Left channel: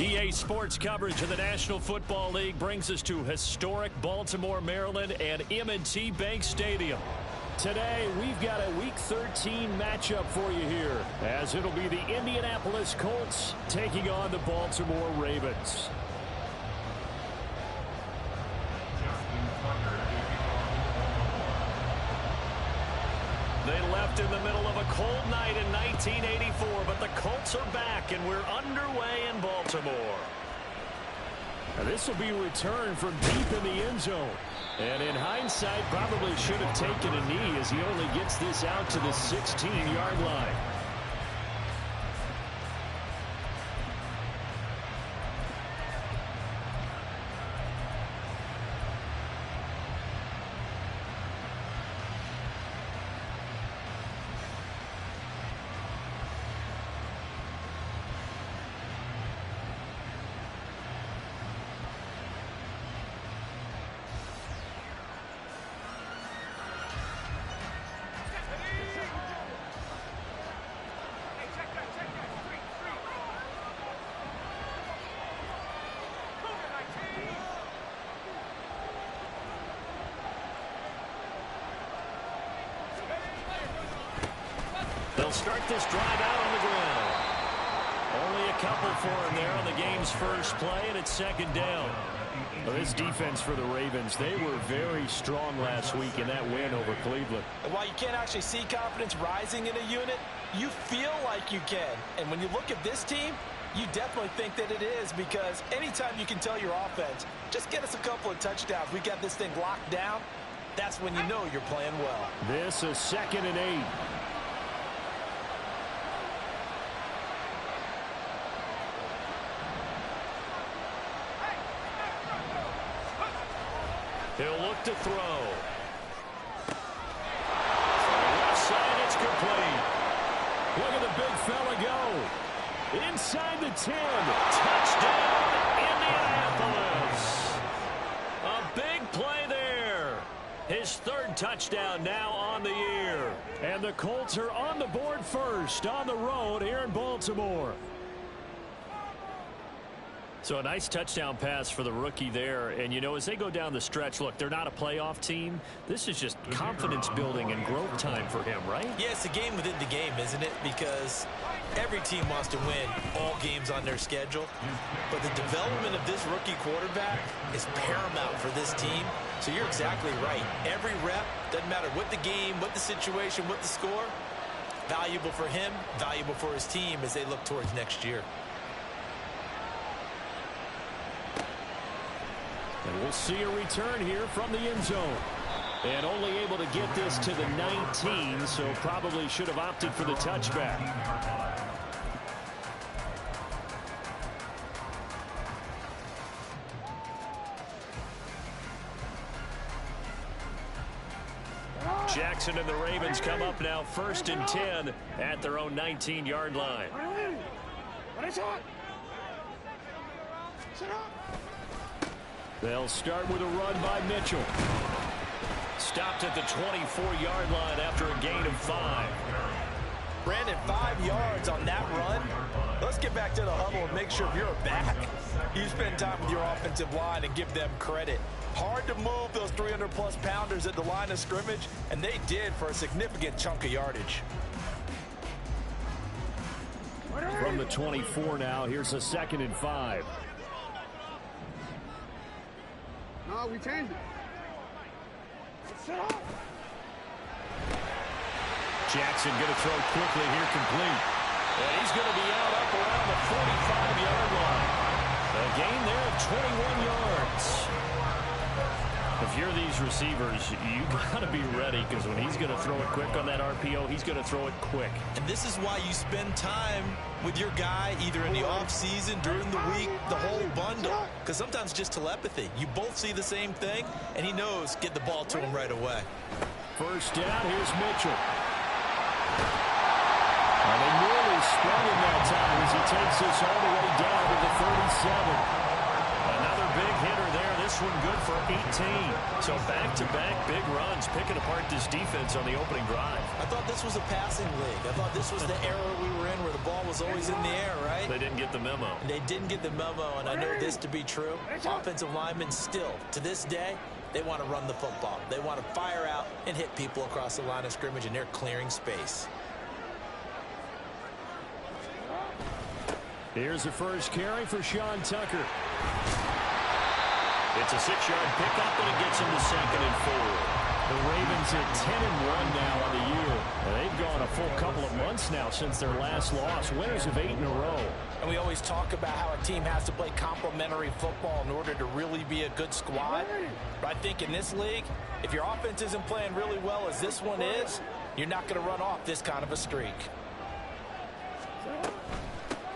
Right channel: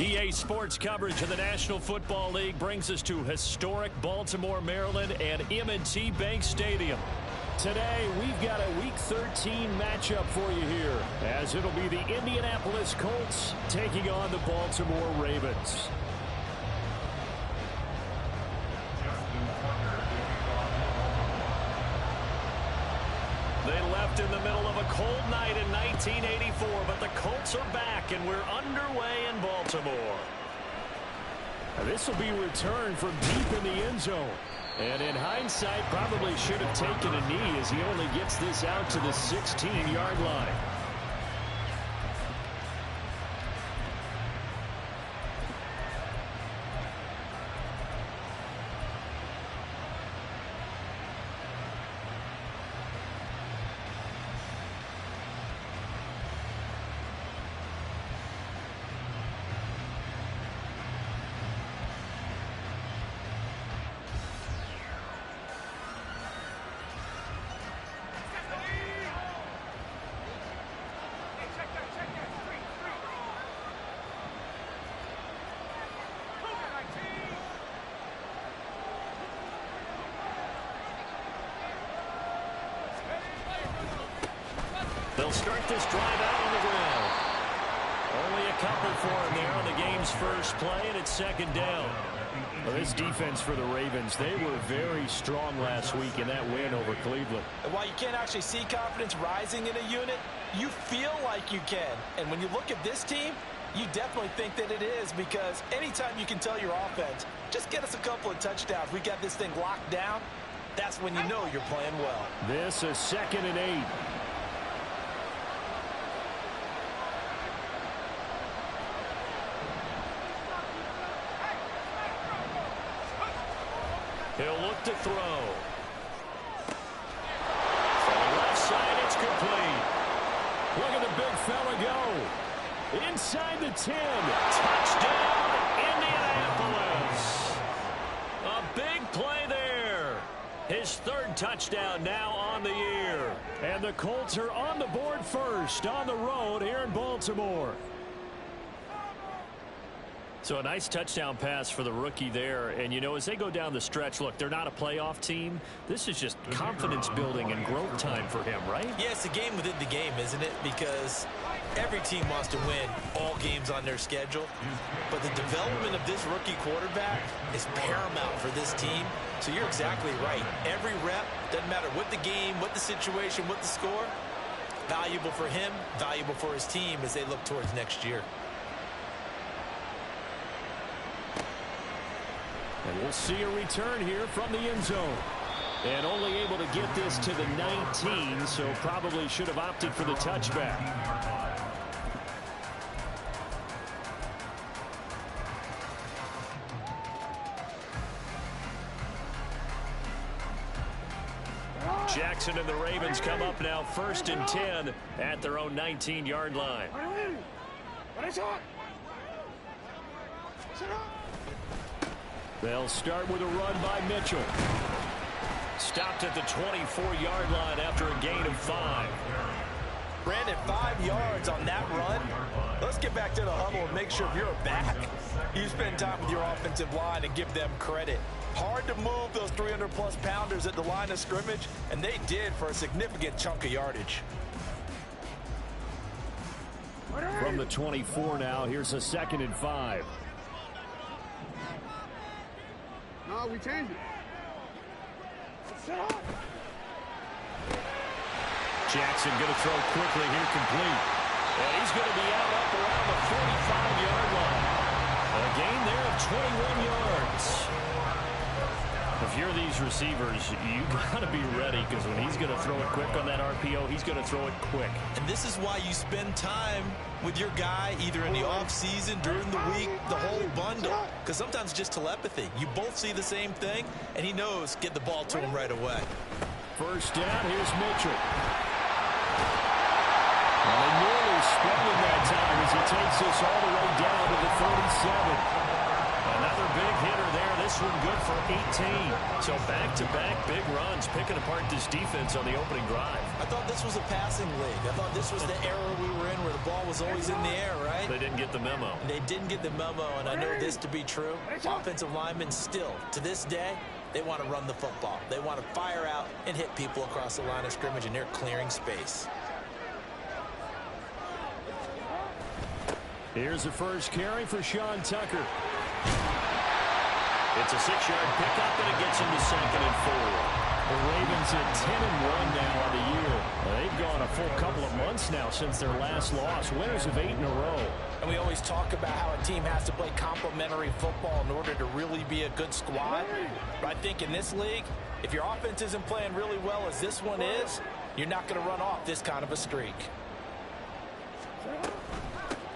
EA Sports coverage of the National Football League brings us to historic Baltimore, Maryland and M&T Bank Stadium. Today, we've got a Week 13 matchup for you here, as it'll be the Indianapolis Colts taking on the Baltimore Ravens. They left in the middle of a cold night in 1984, but the Colts are back, and we're underway in Baltimore. Now, this will be returned from deep in the end zone. And in hindsight, probably should have taken a knee as he only gets this out to the 16-yard line. They'll start this drive out on the ground. Only a couple for him there on the game's first play, and it's second down. Well, this defense for the Ravens, they were very strong last week in that win over Cleveland. And while you can't actually see confidence rising in a unit, you feel like you can. And when you look at this team, you definitely think that it is, because anytime you can tell your offense, just get us a couple of touchdowns, we got this thing locked down, that's when you know you're playing well. This is 2nd and 8. He'll look to throw. From the left side, it's complete. Look at the big fella go. Inside the 10. Touchdown, Indianapolis. A big play there. His third touchdown now on the year. And the Colts are on the board first on the road here in Baltimore. So a nice touchdown pass for the rookie there. And, you know, as they go down the stretch, look, they're not a playoff team. This is just confidence building and growth time for him, right? Yeah, it's a game within the game, isn't it? Because every team wants to win all games on their schedule. But the development of this rookie quarterback is paramount for this team. So you're exactly right. Every rep, doesn't matter what the game, what the situation, what the score, valuable for him, valuable for his team as they look towards next year. And we'll see a return here from the end zone. And only able to get this to the 19, so probably should have opted for the touchback. Jackson and the Ravens come up now 1st and 10 at their own 19-yard line. They'll start with a run by Mitchell. Stopped at the 24-yard line after a gain of 5. Brandon, 5 yards on that run. Let's get back to the huddle and make sure if you're a back, you spend time with your offensive line and give them credit. Hard to move those 300-plus pounders at the line of scrimmage, and they did for a significant chunk of yardage. From the 24 now, here's a 2nd and 5. No, we changed it. Jackson going to throw quickly here, complete. And he's going to be out up around the 45-yard line. A gain there of 21 yards. If you're these receivers, you got to be ready, because when he's going to throw it quick on that RPO, he's going to throw it quick. And this is why you spend time with your guy either in the offseason, during the week, the whole bundle. Because sometimes just telepathy. You both see the same thing, and he knows get the ball to him right away. First down, here's Mitchell. Well, they nearly sprung him that time as he takes this all the way down to the 37. Another big hitter there. This this one good for 18. So back-to-back big runs, picking apart this defense on the opening drive. I thought this was a passing league. I thought this was the era we were in where the ball was always in the air, right? They didn't get the memo. They didn't get the memo, and I know this to be true. Offensive linemen still, to this day, they want to run the football. They want to fire out and hit people across the line of scrimmage, and they're clearing space. Here's the first carry for Sean Tucker. It's a 6-yard pickup, and it gets him to 2nd and 4. The Ravens at 10-1 now on the year. They've gone a full couple of months now since their last loss. Winners of 8 in a row. And we always talk about how a team has to play complementary football in order to really be a good squad. But I think in this league, if your offense isn't playing really well as this one is, you're not going to run off this kind of a streak.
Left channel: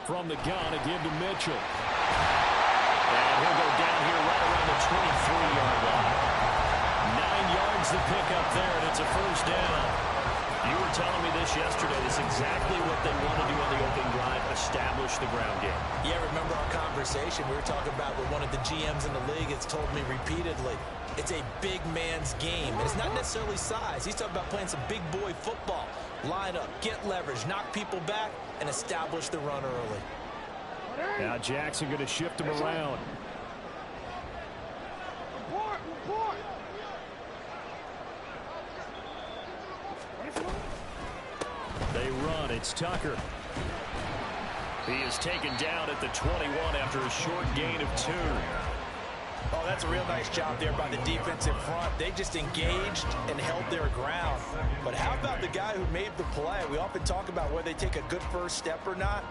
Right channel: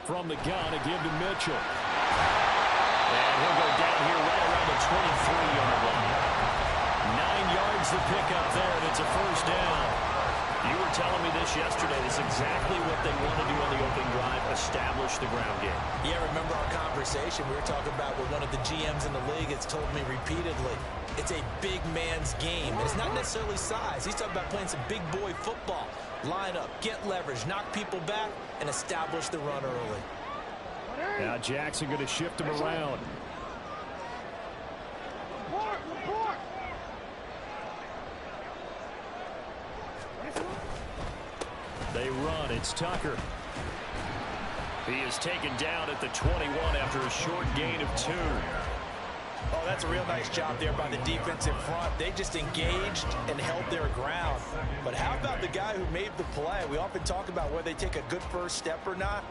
From the gun, a give to Mitchell. And he'll go down here right around the 23-yard line. 9 yards to pick up there, and it's a first down. You were telling me this yesterday. This is exactly what they want to do on the opening drive, establish the ground game. Yeah, remember our conversation? We were talking about what one of the GMs in the league has told me repeatedly. It's a big man's game. And it's not necessarily size. He's talking about playing some big boy football. Line up, get leverage, knock people back, and establish the run early. Now Jackson going to shift him around. Report. They run. It's Tucker. He is taken down at the 21 after a short gain of 2. Oh, that's a real nice job there by the defense in front. They just engaged and held their ground. But how about the guy who made the play? We often talk about whether they take a good first step or not.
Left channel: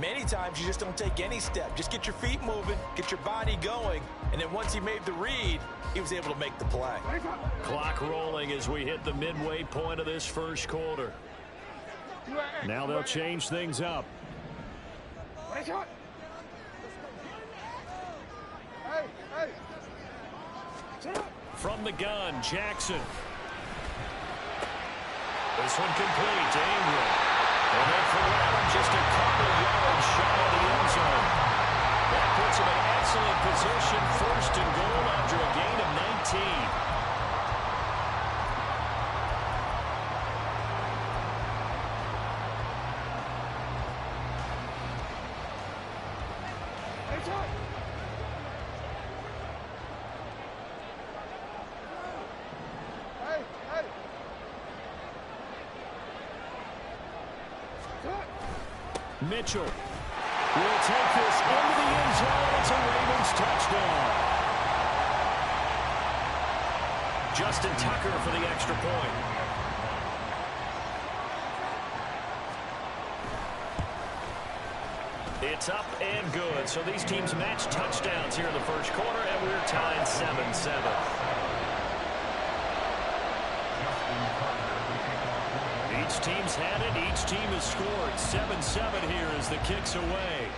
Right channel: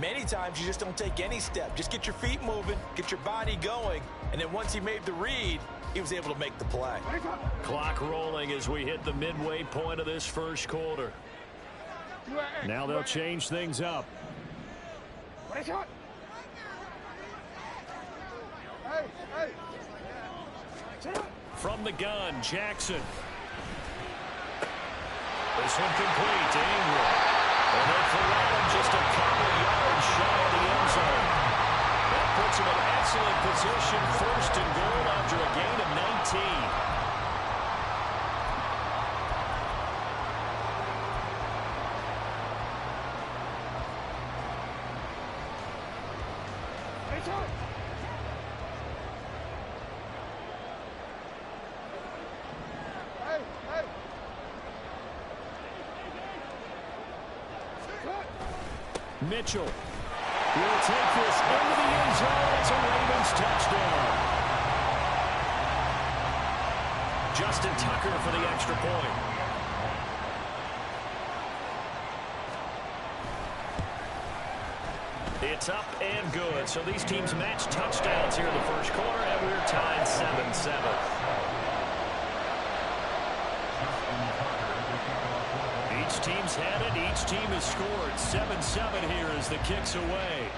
Many times you just don't take any step. Just get your feet moving, get your body going, and then once he made the read, he was able to make the play. Clock rolling as we hit the midway point of this first quarter. Now they'll change things up. From the gun, Jackson. This one complete to Ingram. And then for Allen, just a couple yards shy of the end zone. That puts him in excellent position, 1st and goal after a gain of 19. Mitchell will take this into the end zone. It's a Ravens touchdown. Justin Tucker for the extra point. It's up and good. So these teams match touchdowns here in the first quarter, and we're tied 7-7. Each team's had it. Each team has scored. 7-7 here as the kick's away.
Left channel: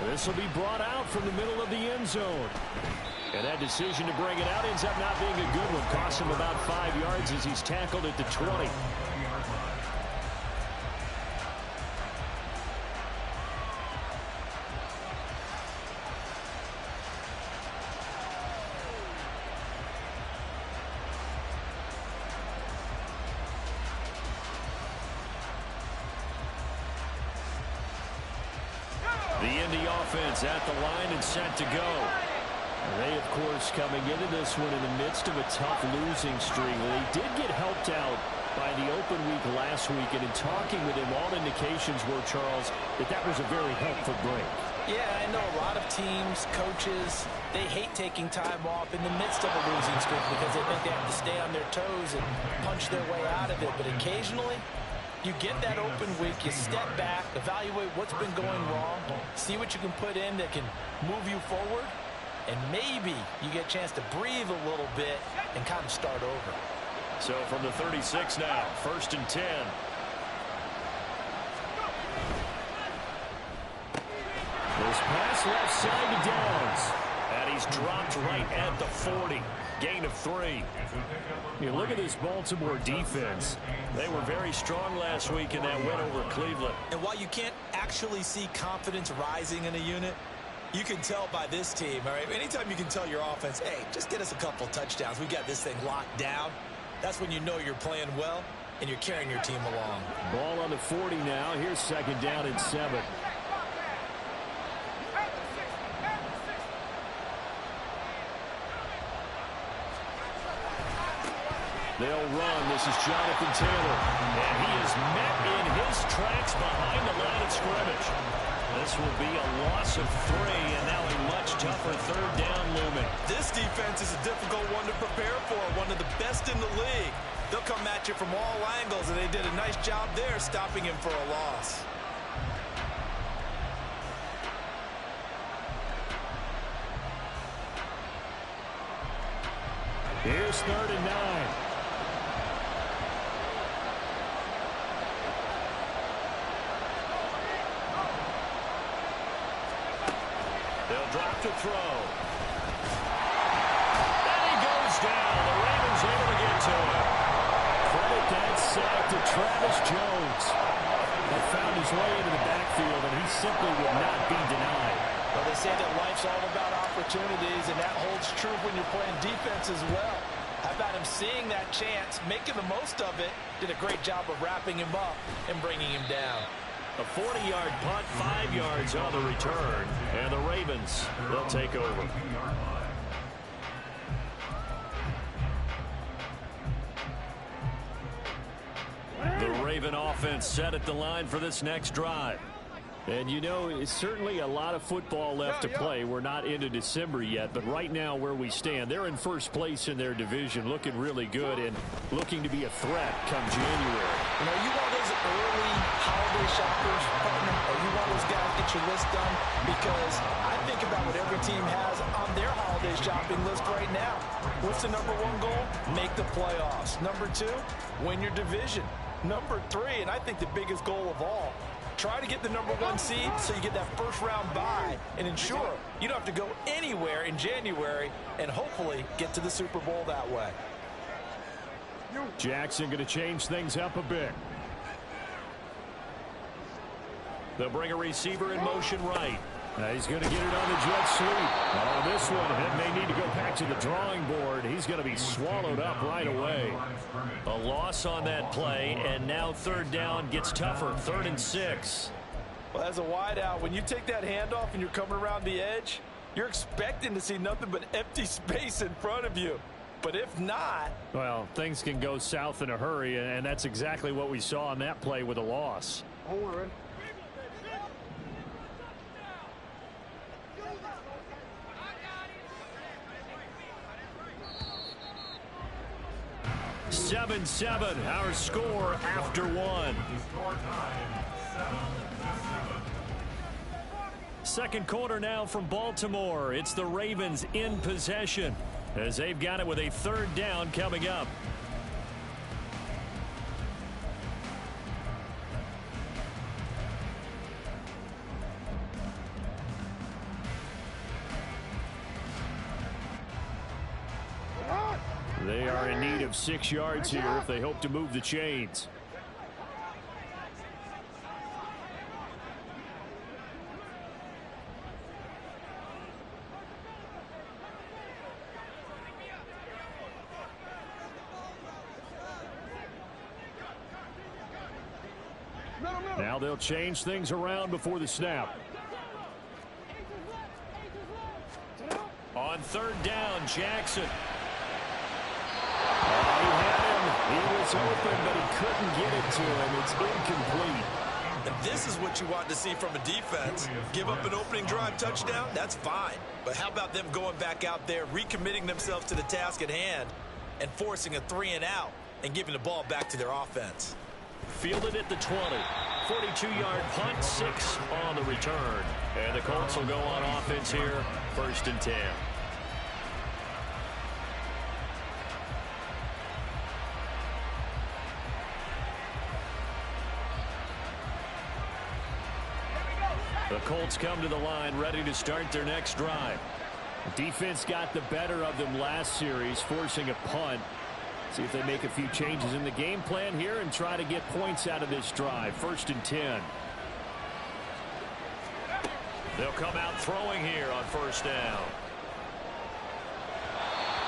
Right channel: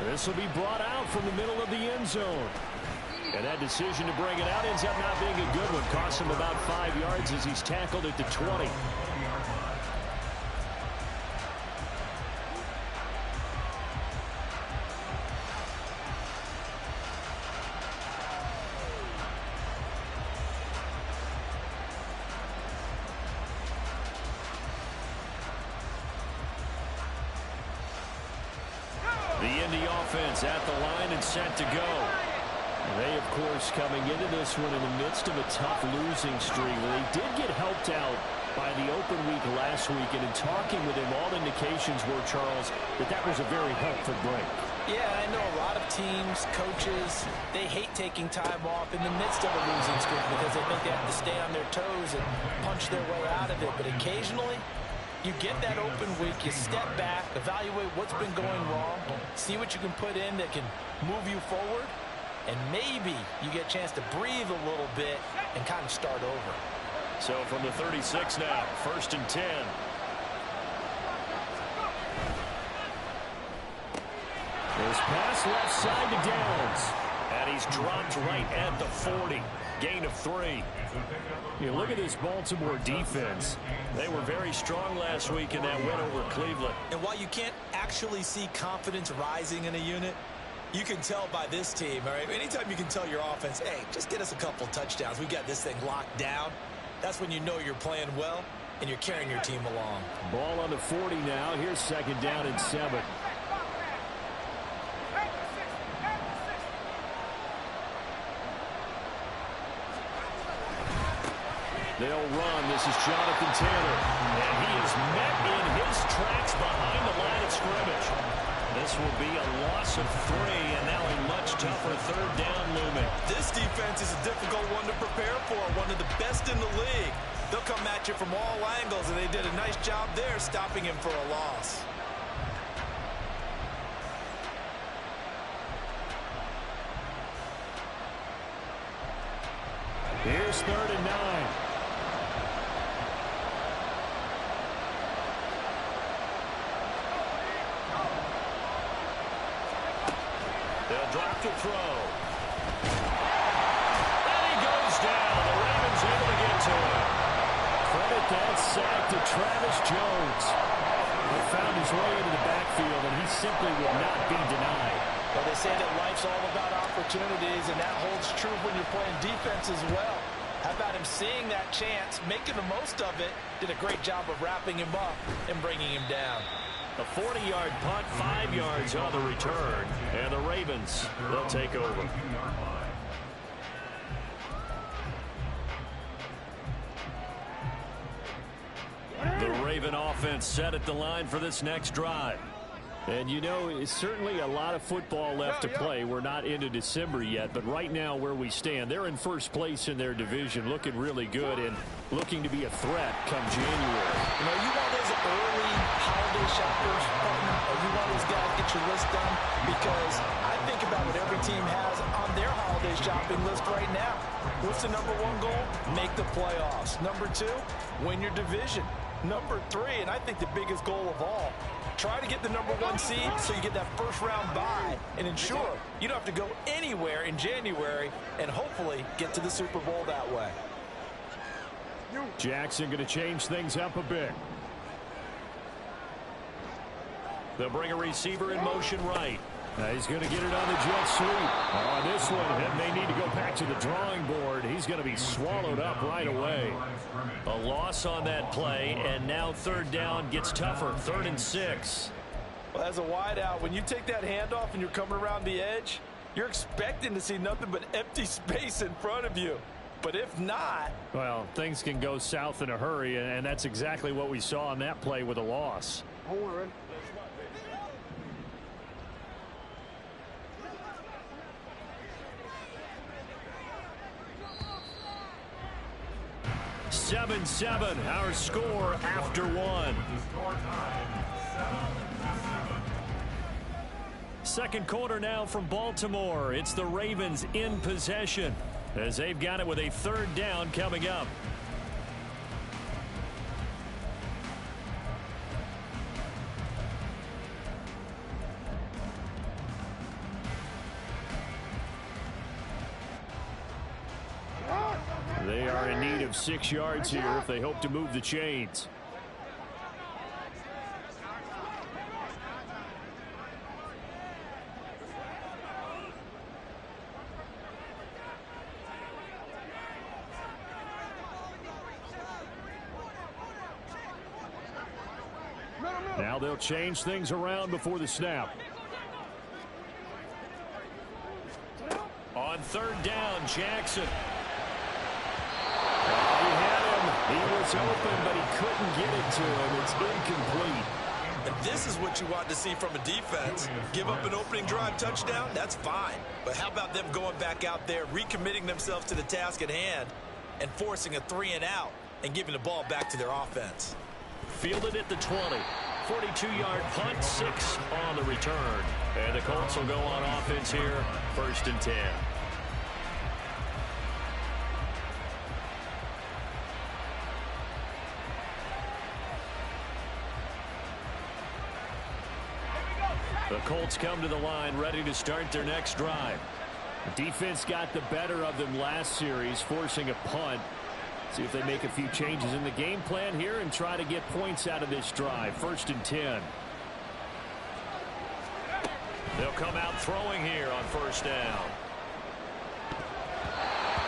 This will be brought out from the middle of the end zone. And that decision to bring it out ends up not being a good one. Costs him about 5 yards as he's tackled at the 20. The Indy offense at the line and set to go. And they, of course, coming into this one in the midst of a tough losing streak. They did get helped out by the open week last week, and in talking with him, all indications were, Charles, that was a very helpful break. Yeah, I know a lot of teams, coaches, they hate taking time off in the midst of a losing streak because they think they have to stay on their toes and punch their way out of it. But occasionally, you get that open week, you step back, evaluate what's been going wrong, see what you can put in that can move you forward, and maybe you get a chance to breathe a little bit and kind of start over. So from the 36 now, 1st and 10. This pass left side to Downs. And he's dropped right at the 40. Gain of 3. You look at this Baltimore defense. They were very strong last week in that win over Cleveland. And while you can't actually see confidence rising in a unit, You can tell by this team, all right? Anytime you can tell your offense, hey, just get us a couple touchdowns. We've got this thing locked down. That's when you know you're playing well and you're carrying your team along. Ball on the 40 now. Here's 2nd down and 7. They'll run. This is Jonathan Taylor. And he is met in his tracks behind the line of scrimmage. This will be a loss of 3, and now a much tougher 3rd down looming. This defense is a difficult one to prepare for, one of the best in the league. They'll come at you from all angles, and they did a nice job there stopping him for a loss. Here's 3rd and 9. They'll drop to throw. And he goes down. The Ravens able to get to him. Credit that sack to Travis Jones. He found his way into the backfield, and he simply would not be denied. Well, they say that life's all about opportunities, and that holds true when you're playing defense as well. How about him seeing that chance, making the most of it, did a great job of wrapping him up and bringing him down. A 40-yard punt, 5 yards on the return, and the Ravens, they'll take over. The Raven offense set at the line for this next drive. And, you know, it's certainly a lot of football left to play. We're not into December yet, but right now where we stand, they're in first place in their division, looking really good and looking to be a threat come January. You know, you one of those early holiday shoppers, partner, or you one of those guys get your list done? Because I think about what every team has on their holiday shopping list right now. What's the number 1 goal? Make the playoffs. Number 2, win your division. Number 3, and I think the biggest goal of all, try to get the number 1 seed so you get that first-round bye and ensure you don't have to go anywhere in January and hopefully get to the Super Bowl that way. Jackson going to change things up a bit. They'll bring a receiver in motion right. He's going to get it on the jet sweep. On this one, it may need to go back to the drawing board. He's going to be swallowed up right away. A loss on that play, and now 3rd down gets tougher. 3rd and 6. Well, as a wideout, when you take that handoff and you're coming around the edge, you're expecting to see nothing but empty space in front of you. But if not... Well, things can go south in a hurry, and that's exactly what we saw on that play with a loss. Hold on, ready? 7-7, our score after 1. Second quarter now from Baltimore. It's the Ravens in possession as they've got it with a 3rd down coming up. They are in need of 6 yards here if they hope to move the chains. Now they'll change things around before the snap. On 3rd down, Jackson. He had him. He was open, but he couldn't get it to him. It's incomplete. And this is what you want to see from a defense. Give up an opening drive touchdown, that's fine. But how about them going back out there, recommitting themselves to the task at hand, and forcing a 3-and-out and giving the ball back to their offense. Fielded at the 20. 42-yard punt, 6 on the return. And the Colts will go on offense here, 1st and 10. The Colts come to the line ready to start their next drive. The defense got the better of them last series, forcing a punt. See if they make a few changes in the game plan here and try to get points out of this drive. 1st and 10. They'll come out throwing here on first down.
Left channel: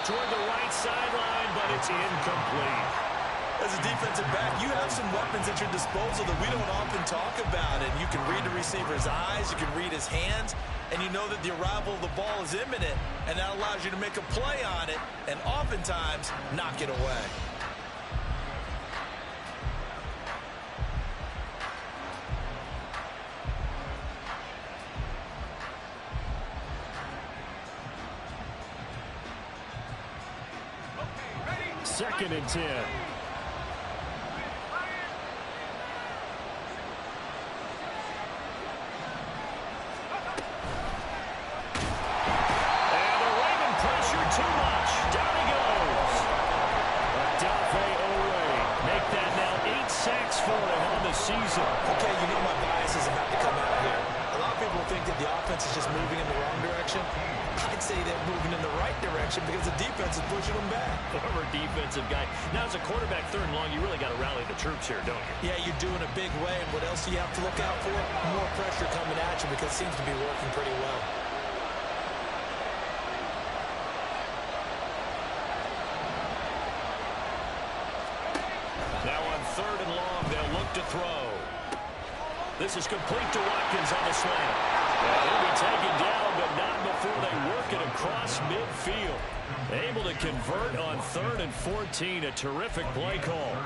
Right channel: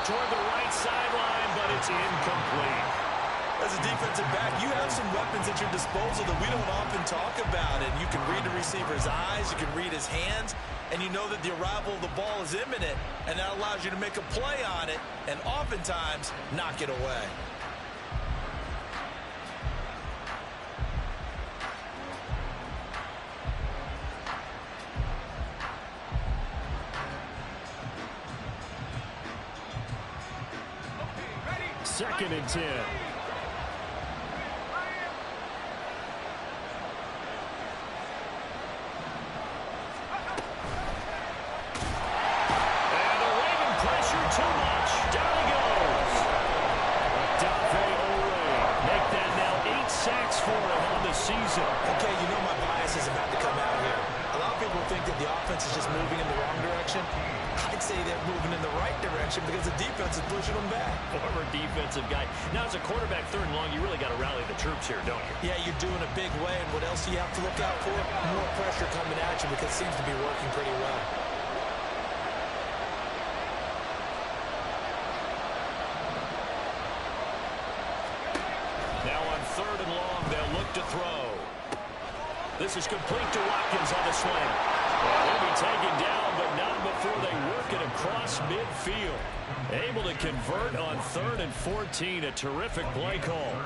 Toward the right sideline, but it's incomplete. As a defensive back, you have some weapons at your disposal that we don't often talk about. And you can read the receiver's eyes, you can read his hands, and you know that the arrival of the ball is imminent, and that allows you to make a play on it and oftentimes knock it away. Second and 10. Too much. Down he goes. Make that now 8 sacks for him on the season. Okay, you know my bias is about to come out here. A lot of people think that the offense is just moving in the wrong direction. I'd say they're moving in the right direction because the defense is pushing them back. Former defensive guy. Now, as a quarterback, third and long, you really got to rally the troops here, don't you? Yeah, you're doing a big way, and what else do you have to look out for? More pressure coming at you because it seems to be working pretty well. Now on third and long, they'll look to throw. This is complete to Watkins on the slant. And he'll be taken down, but not before they work it across midfield. Able to convert on 3rd and 14. A terrific play call.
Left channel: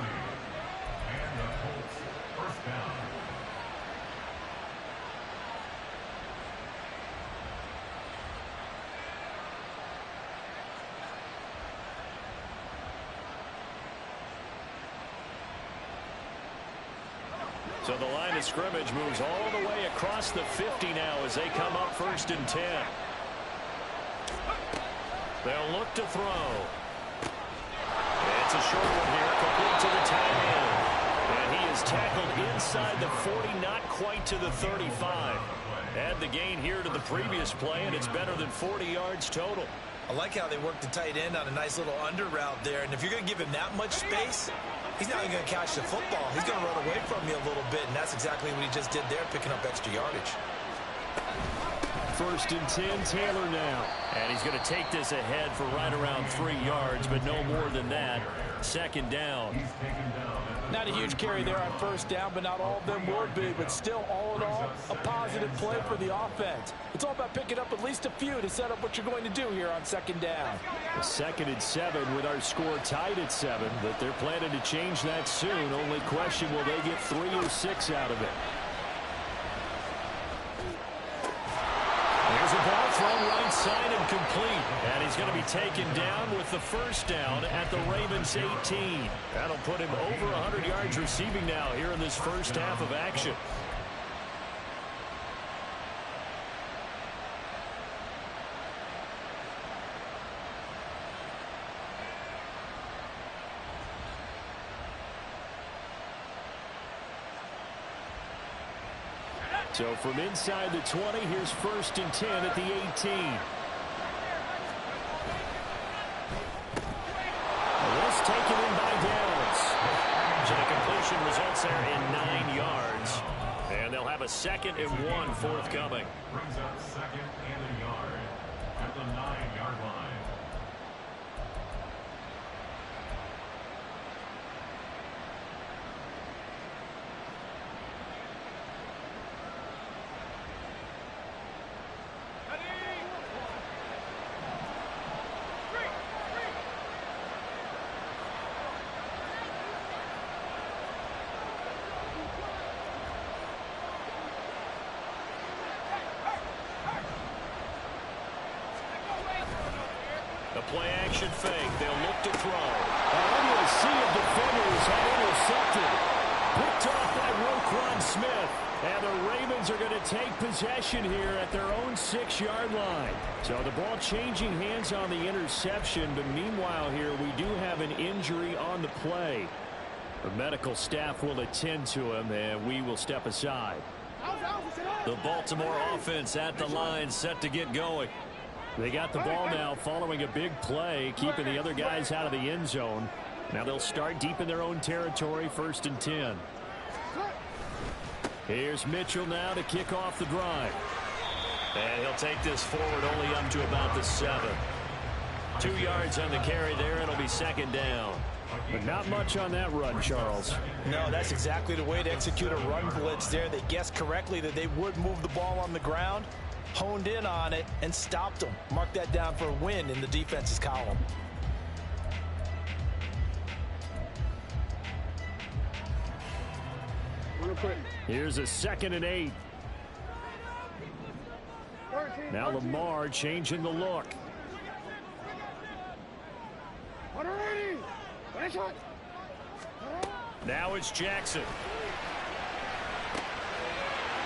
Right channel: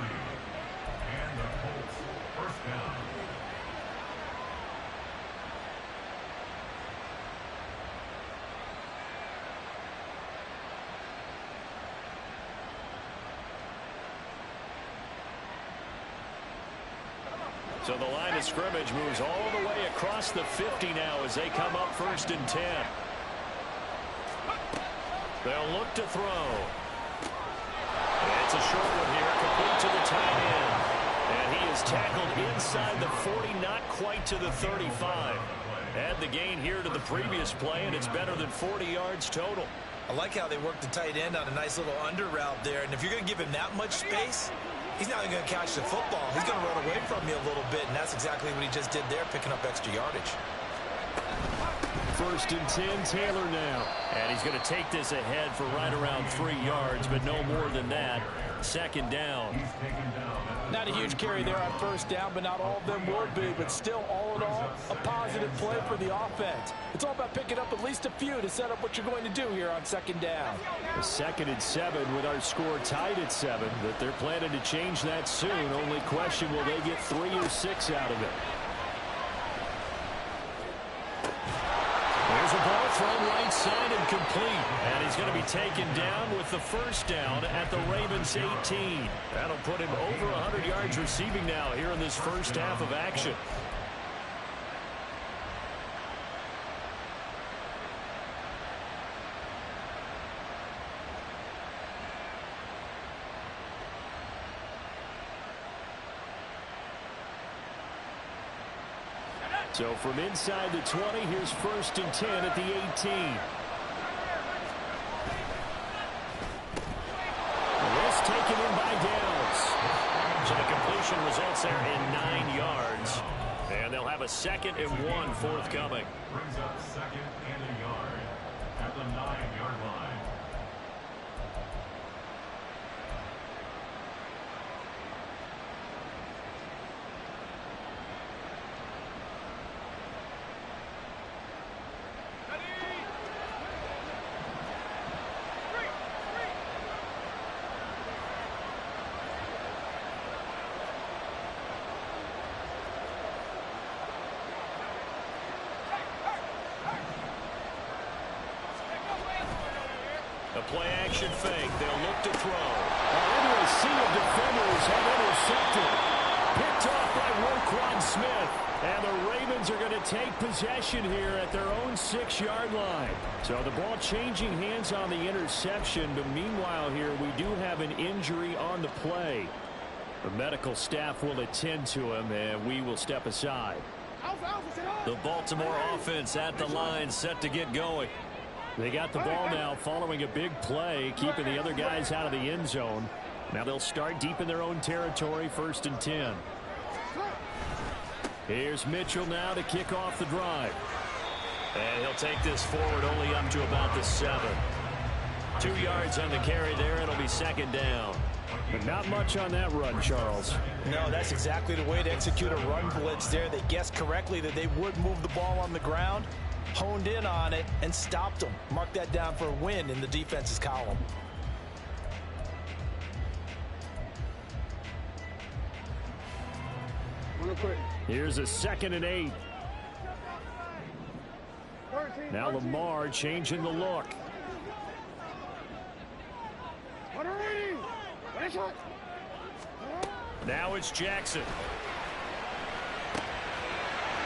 So the line of scrimmage moves all the way across the 50 now as they come up 1st and 10. They'll look to throw. It's a short one here, complete to the tight end. And he is tackled inside the 40, not quite to the 35. Add the gain here to the previous play, and it's better than 40 yards total. I like how they worked the tight end on a nice little under route there. And if you're going to give him that much space, he's not going to catch the football. He's going to run away from you a little bit, and that's exactly what he just did there, picking up extra yardage. 1st and 10, Taylor now. And he's going to take this ahead for right around 3 yards, but no more than that. 2nd down. Not a huge carry there on 1st down, but not all of them will be. But still, all in all, a positive play for the offense. It's all about picking up at least a few to set up what you're going to do here on 2nd down. 2nd and 7 with our score tied at 7, but they're planning to change that soon. Only question, will they get 3 or 6 out of it? There's a ball thrown right side and complete. And he's going to be taken down with the 1st down at the Ravens 18. That'll put him over 100 yards receiving now here in this first half of action. So from inside the 20, here's 1st and 10 at the 18. This taken in by Downs. So the completion results there in 9 yards. And they'll have a 2nd and 1 forthcoming. Brings up 2nd and a yard at the 9-yard line. A play-action fake. They'll look to throw. Into a sea of defenders have intercepted. Picked off by Roquan Smith. And the Ravens are going to take possession here at their own 6-yard line. So the ball changing hands on the interception. But meanwhile here, we do have an injury on the play. The medical staff will attend to him, and we will step aside. The Baltimore offense at the line, set to get going. They got the ball now following a big play, keeping the other guys out of the end zone. Now they'll start deep in their own territory, 1st and 10. Here's Mitchell now to kick off the drive. And he'll take this forward only up to about the 7. 2 yards on the carry there. It'll be second down. But not much on that run, Charles. No, that's exactly the way to execute a run blitz there. They guessed correctly that they would move the ball on the ground, honed in on it, and stopped them. Mark that down for a win in the defense's column. Here's a 2nd and 8. Now Lamar changing the look. Now it's Jackson.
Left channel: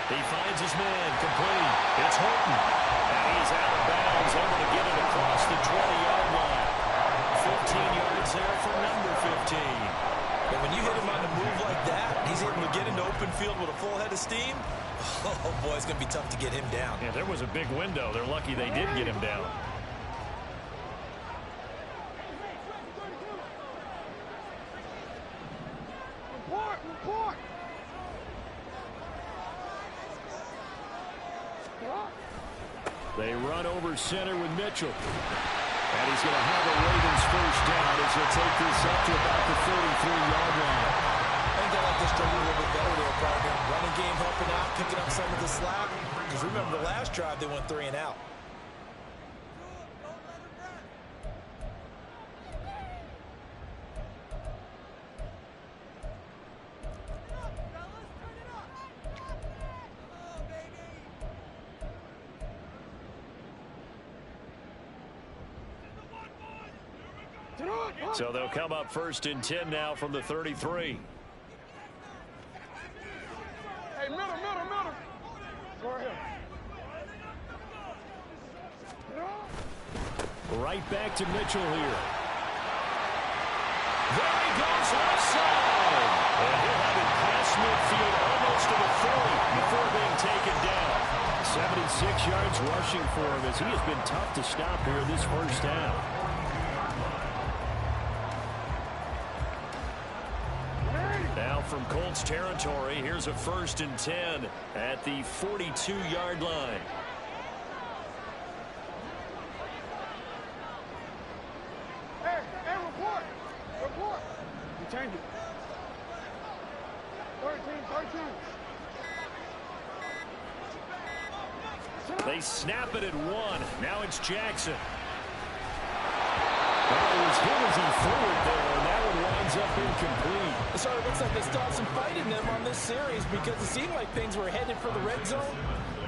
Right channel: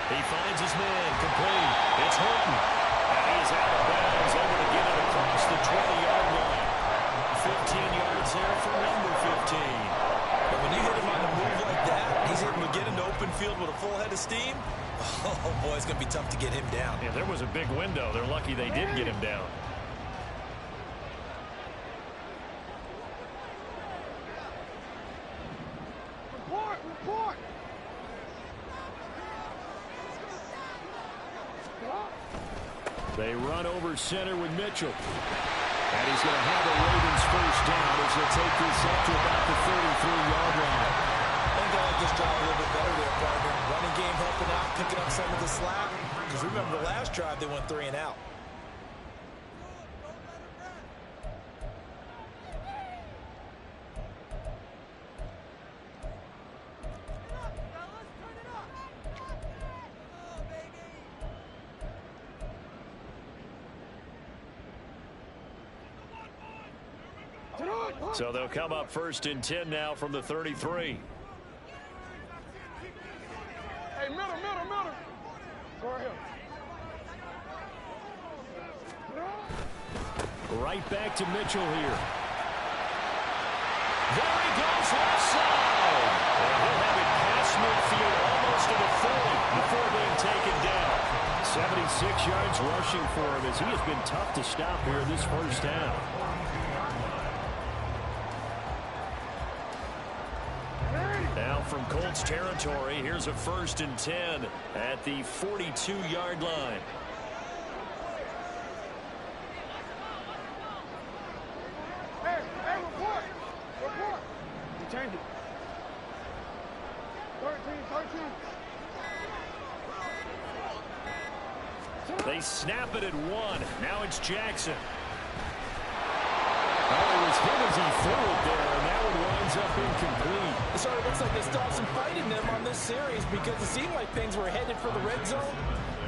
He finds his man, complete. It's Horton. And he is out of bounds, able to get it across the 20-yard line. 15 yards there for number 15. But when you hit him on the move like that, he's able to get into open field with a full head of steam. Oh, boy, it's going to be tough to get him down. Yeah, there was a big window. They're lucky they did get him down. Report! They run over center with Mitchell. And he's going to have a Ravens first down as he'll take this up to about the 33-yard line. I think they like this drive a little bit better there, partner. Running game helping out, picking up some of the slack. Because remember the last drive, they went 3 and out. So they'll come up 1st and 10 now from the 33. Hey, middle. Go ahead. Right back to Mitchell here. There he goes, left side. And he'll have it past midfield almost to the 40 before being taken down. 76 yards rushing for him as he has been tough to stop here this first half. Now from Colts territory, here's a 1st and 10 at the 42-yard line. Hey, report. You change it. 13. They snap it at 1. Now it's Jackson. Oh, it was hit as he threw it there, and that one winds up incomplete. So it looks like they still have some fight in them on this series because it seemed like things were headed for the red zone.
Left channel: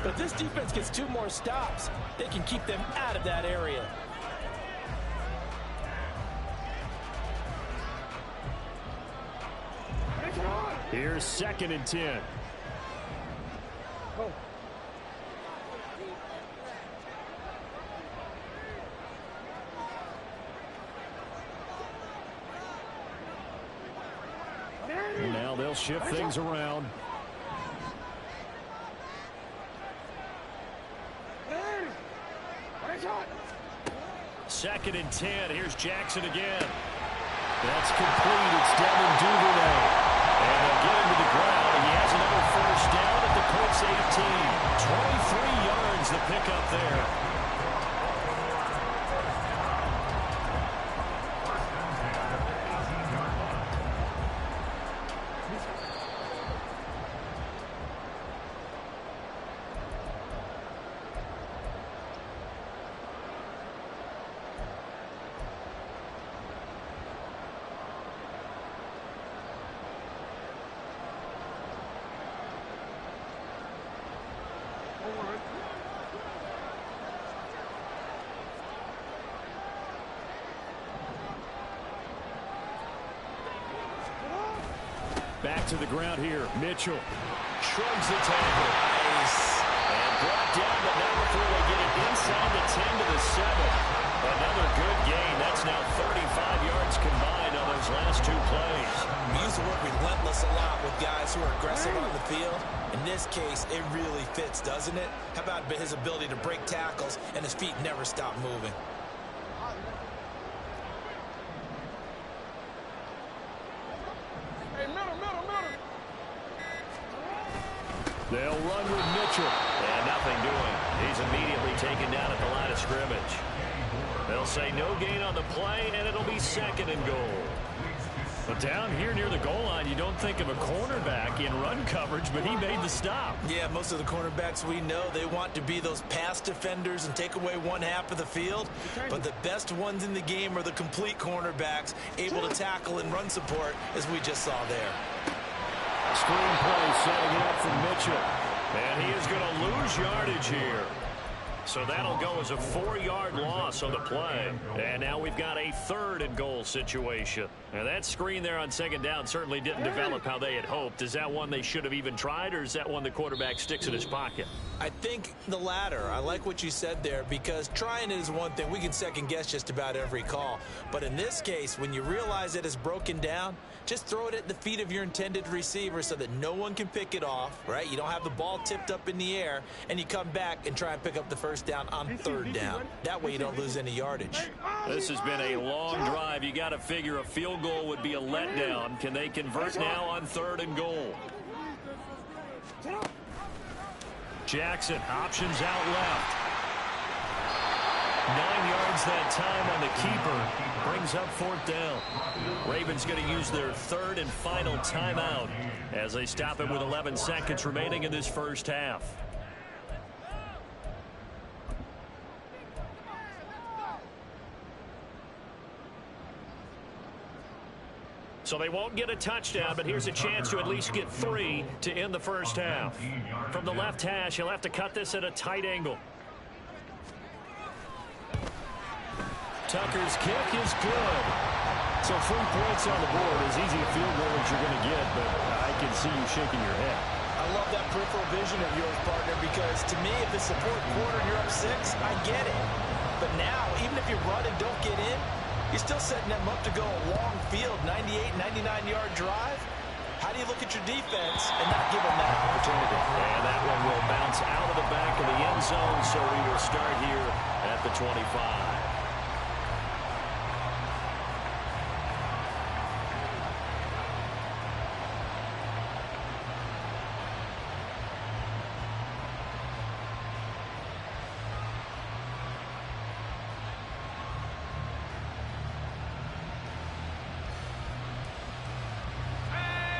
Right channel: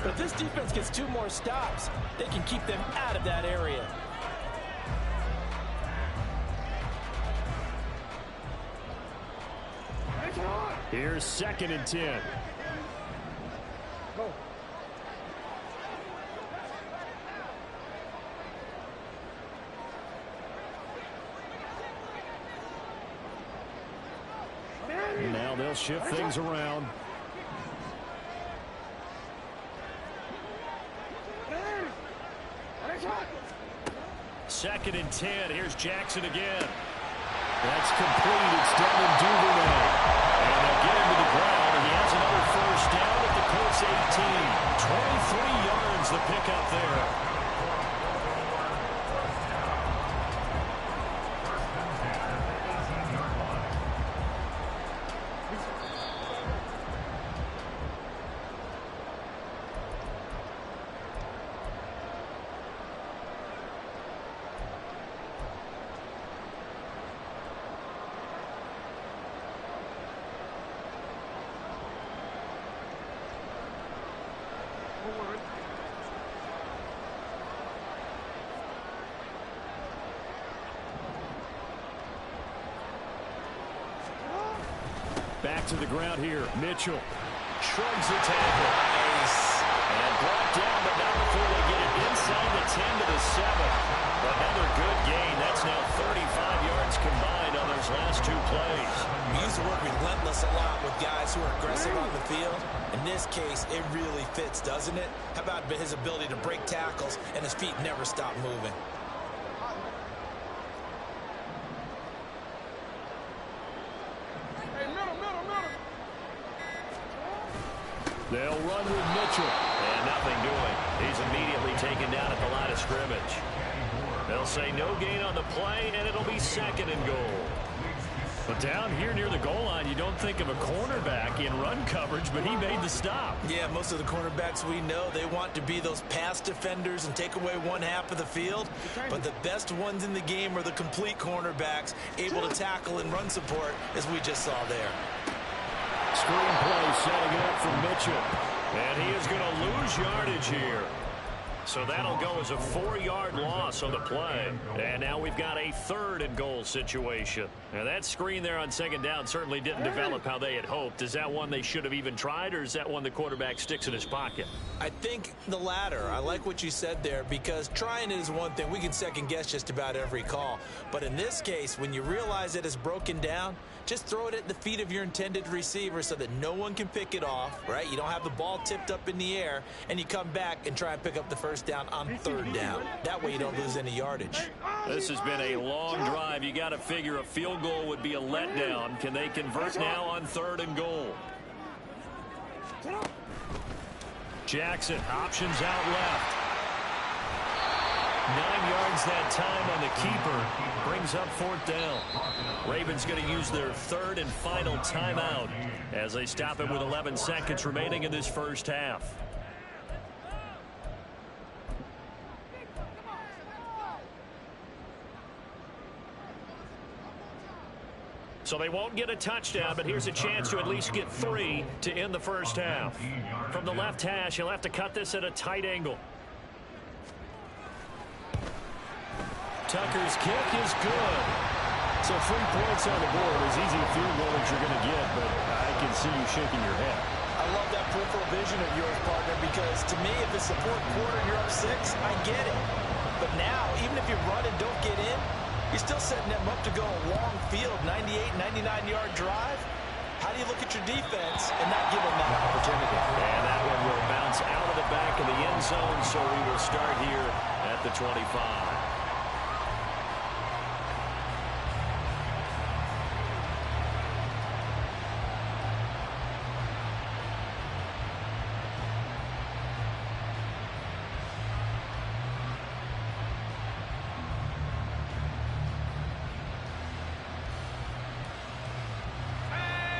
But if this defense gets 2 more stops, they can keep them out of that area. Here's 2nd and 10. Go. And now they'll shift things around. Second and 10. Here's Jackson again. That's complete. It's Devin Duvernay. And they'll get him to the ground. He has another first down at the Colts 18. 23 yards the pickup there. Back to the ground here. Mitchell shrugs the tackle. Nice. And brought down, but not before they get it inside the 10 to the 7. Another good gain. That's now 35 yards combined on those last 2 plays. We use the word relentless a lot with guys who are aggressive on the field. In this case, it really fits, doesn't it? How about his ability to break tackles and his feet never stop moving? They'll run with Mitchell. And nothing doing. He's immediately taken down at the line of scrimmage. They'll say no gain on the play, and it'll be 2nd and goal. But down here near the goal line, you don't think of a cornerback in run coverage, but he made the stop. Yeah, most of the cornerbacks we know, they want to be those pass defenders and take away one half of the field. But the best ones in the game are the complete cornerbacks, able to tackle and run support, as we just saw there. Screen play setting it up for Mitchell. And he is going to lose yardage here. So that'll go as a 4-yard loss on the play. And now we've got a 3rd and goal situation. Now that screen there on 2nd down certainly didn't develop how they had hoped. Is that one they should have even tried, or is that one the quarterback sticks in his pocket? I think the latter. I like what you said there, because trying it is one thing. We can second guess just about every call. But in this case, when you realize it is broken down, just throw it at the feet of your intended receiver so that no one can pick it off, right? You don't have the ball tipped up in the air, and you come back and try and pick up the 1st down on 3rd down. That way you don't lose any yardage. This has been a long drive. You got to figure a field goal would be a letdown. Can they convert now on 3rd and goal? Jackson options out left. 9 yards that time on the keeper. Brings up 4th down. Ravens going to use their 3rd and final timeout as they stop it with 11 seconds remaining in this first half. So they won't get a touchdown, but here's a chance to at least get 3 to end the first half. From the left hash, he'll have to cut this at a tight angle. Tucker's kick is good. So 3 points on the board, as easy a field goal as you're going to get, but I can see you shaking your head. I love that peripheral vision of yours, partner, because to me, if it's the 4th quarter and you're up 6, I get it. But now, even if you run and don't get in, you're still setting them up to go a long field, 98, 99-yard drive. How do you look at your defense and not give them that opportunity? And that one will bounce out of the back of the end zone, so we will start here at the 25.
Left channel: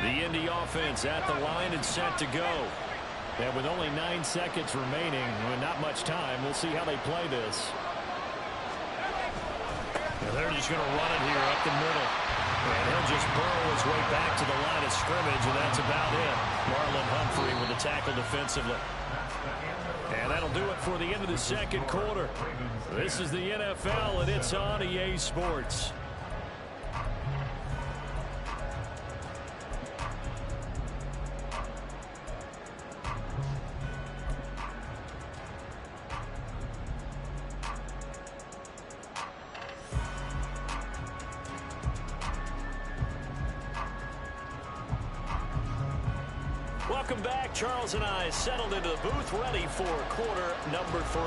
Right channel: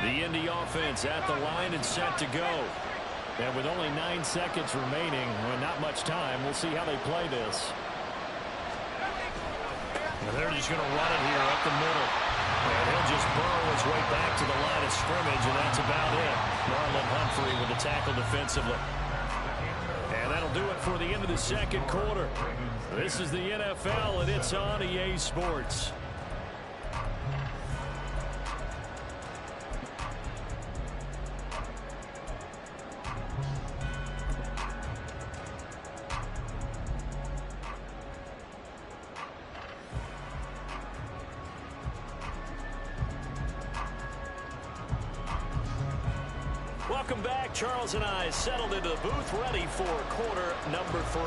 The Indy offense at the line and set to go. And with only 9 seconds remaining, and not much time, we'll see how they play this. And they're just going to run it here up the middle. And he'll just burrow his way back to the line of scrimmage, and that's about it. Marlon Humphrey with the tackle defensively. And that'll do it for the end of the 2nd quarter. This is the NFL, and it's on EA Sports. Welcome back. Charles and I settled into the booth, ready for quarter number 3.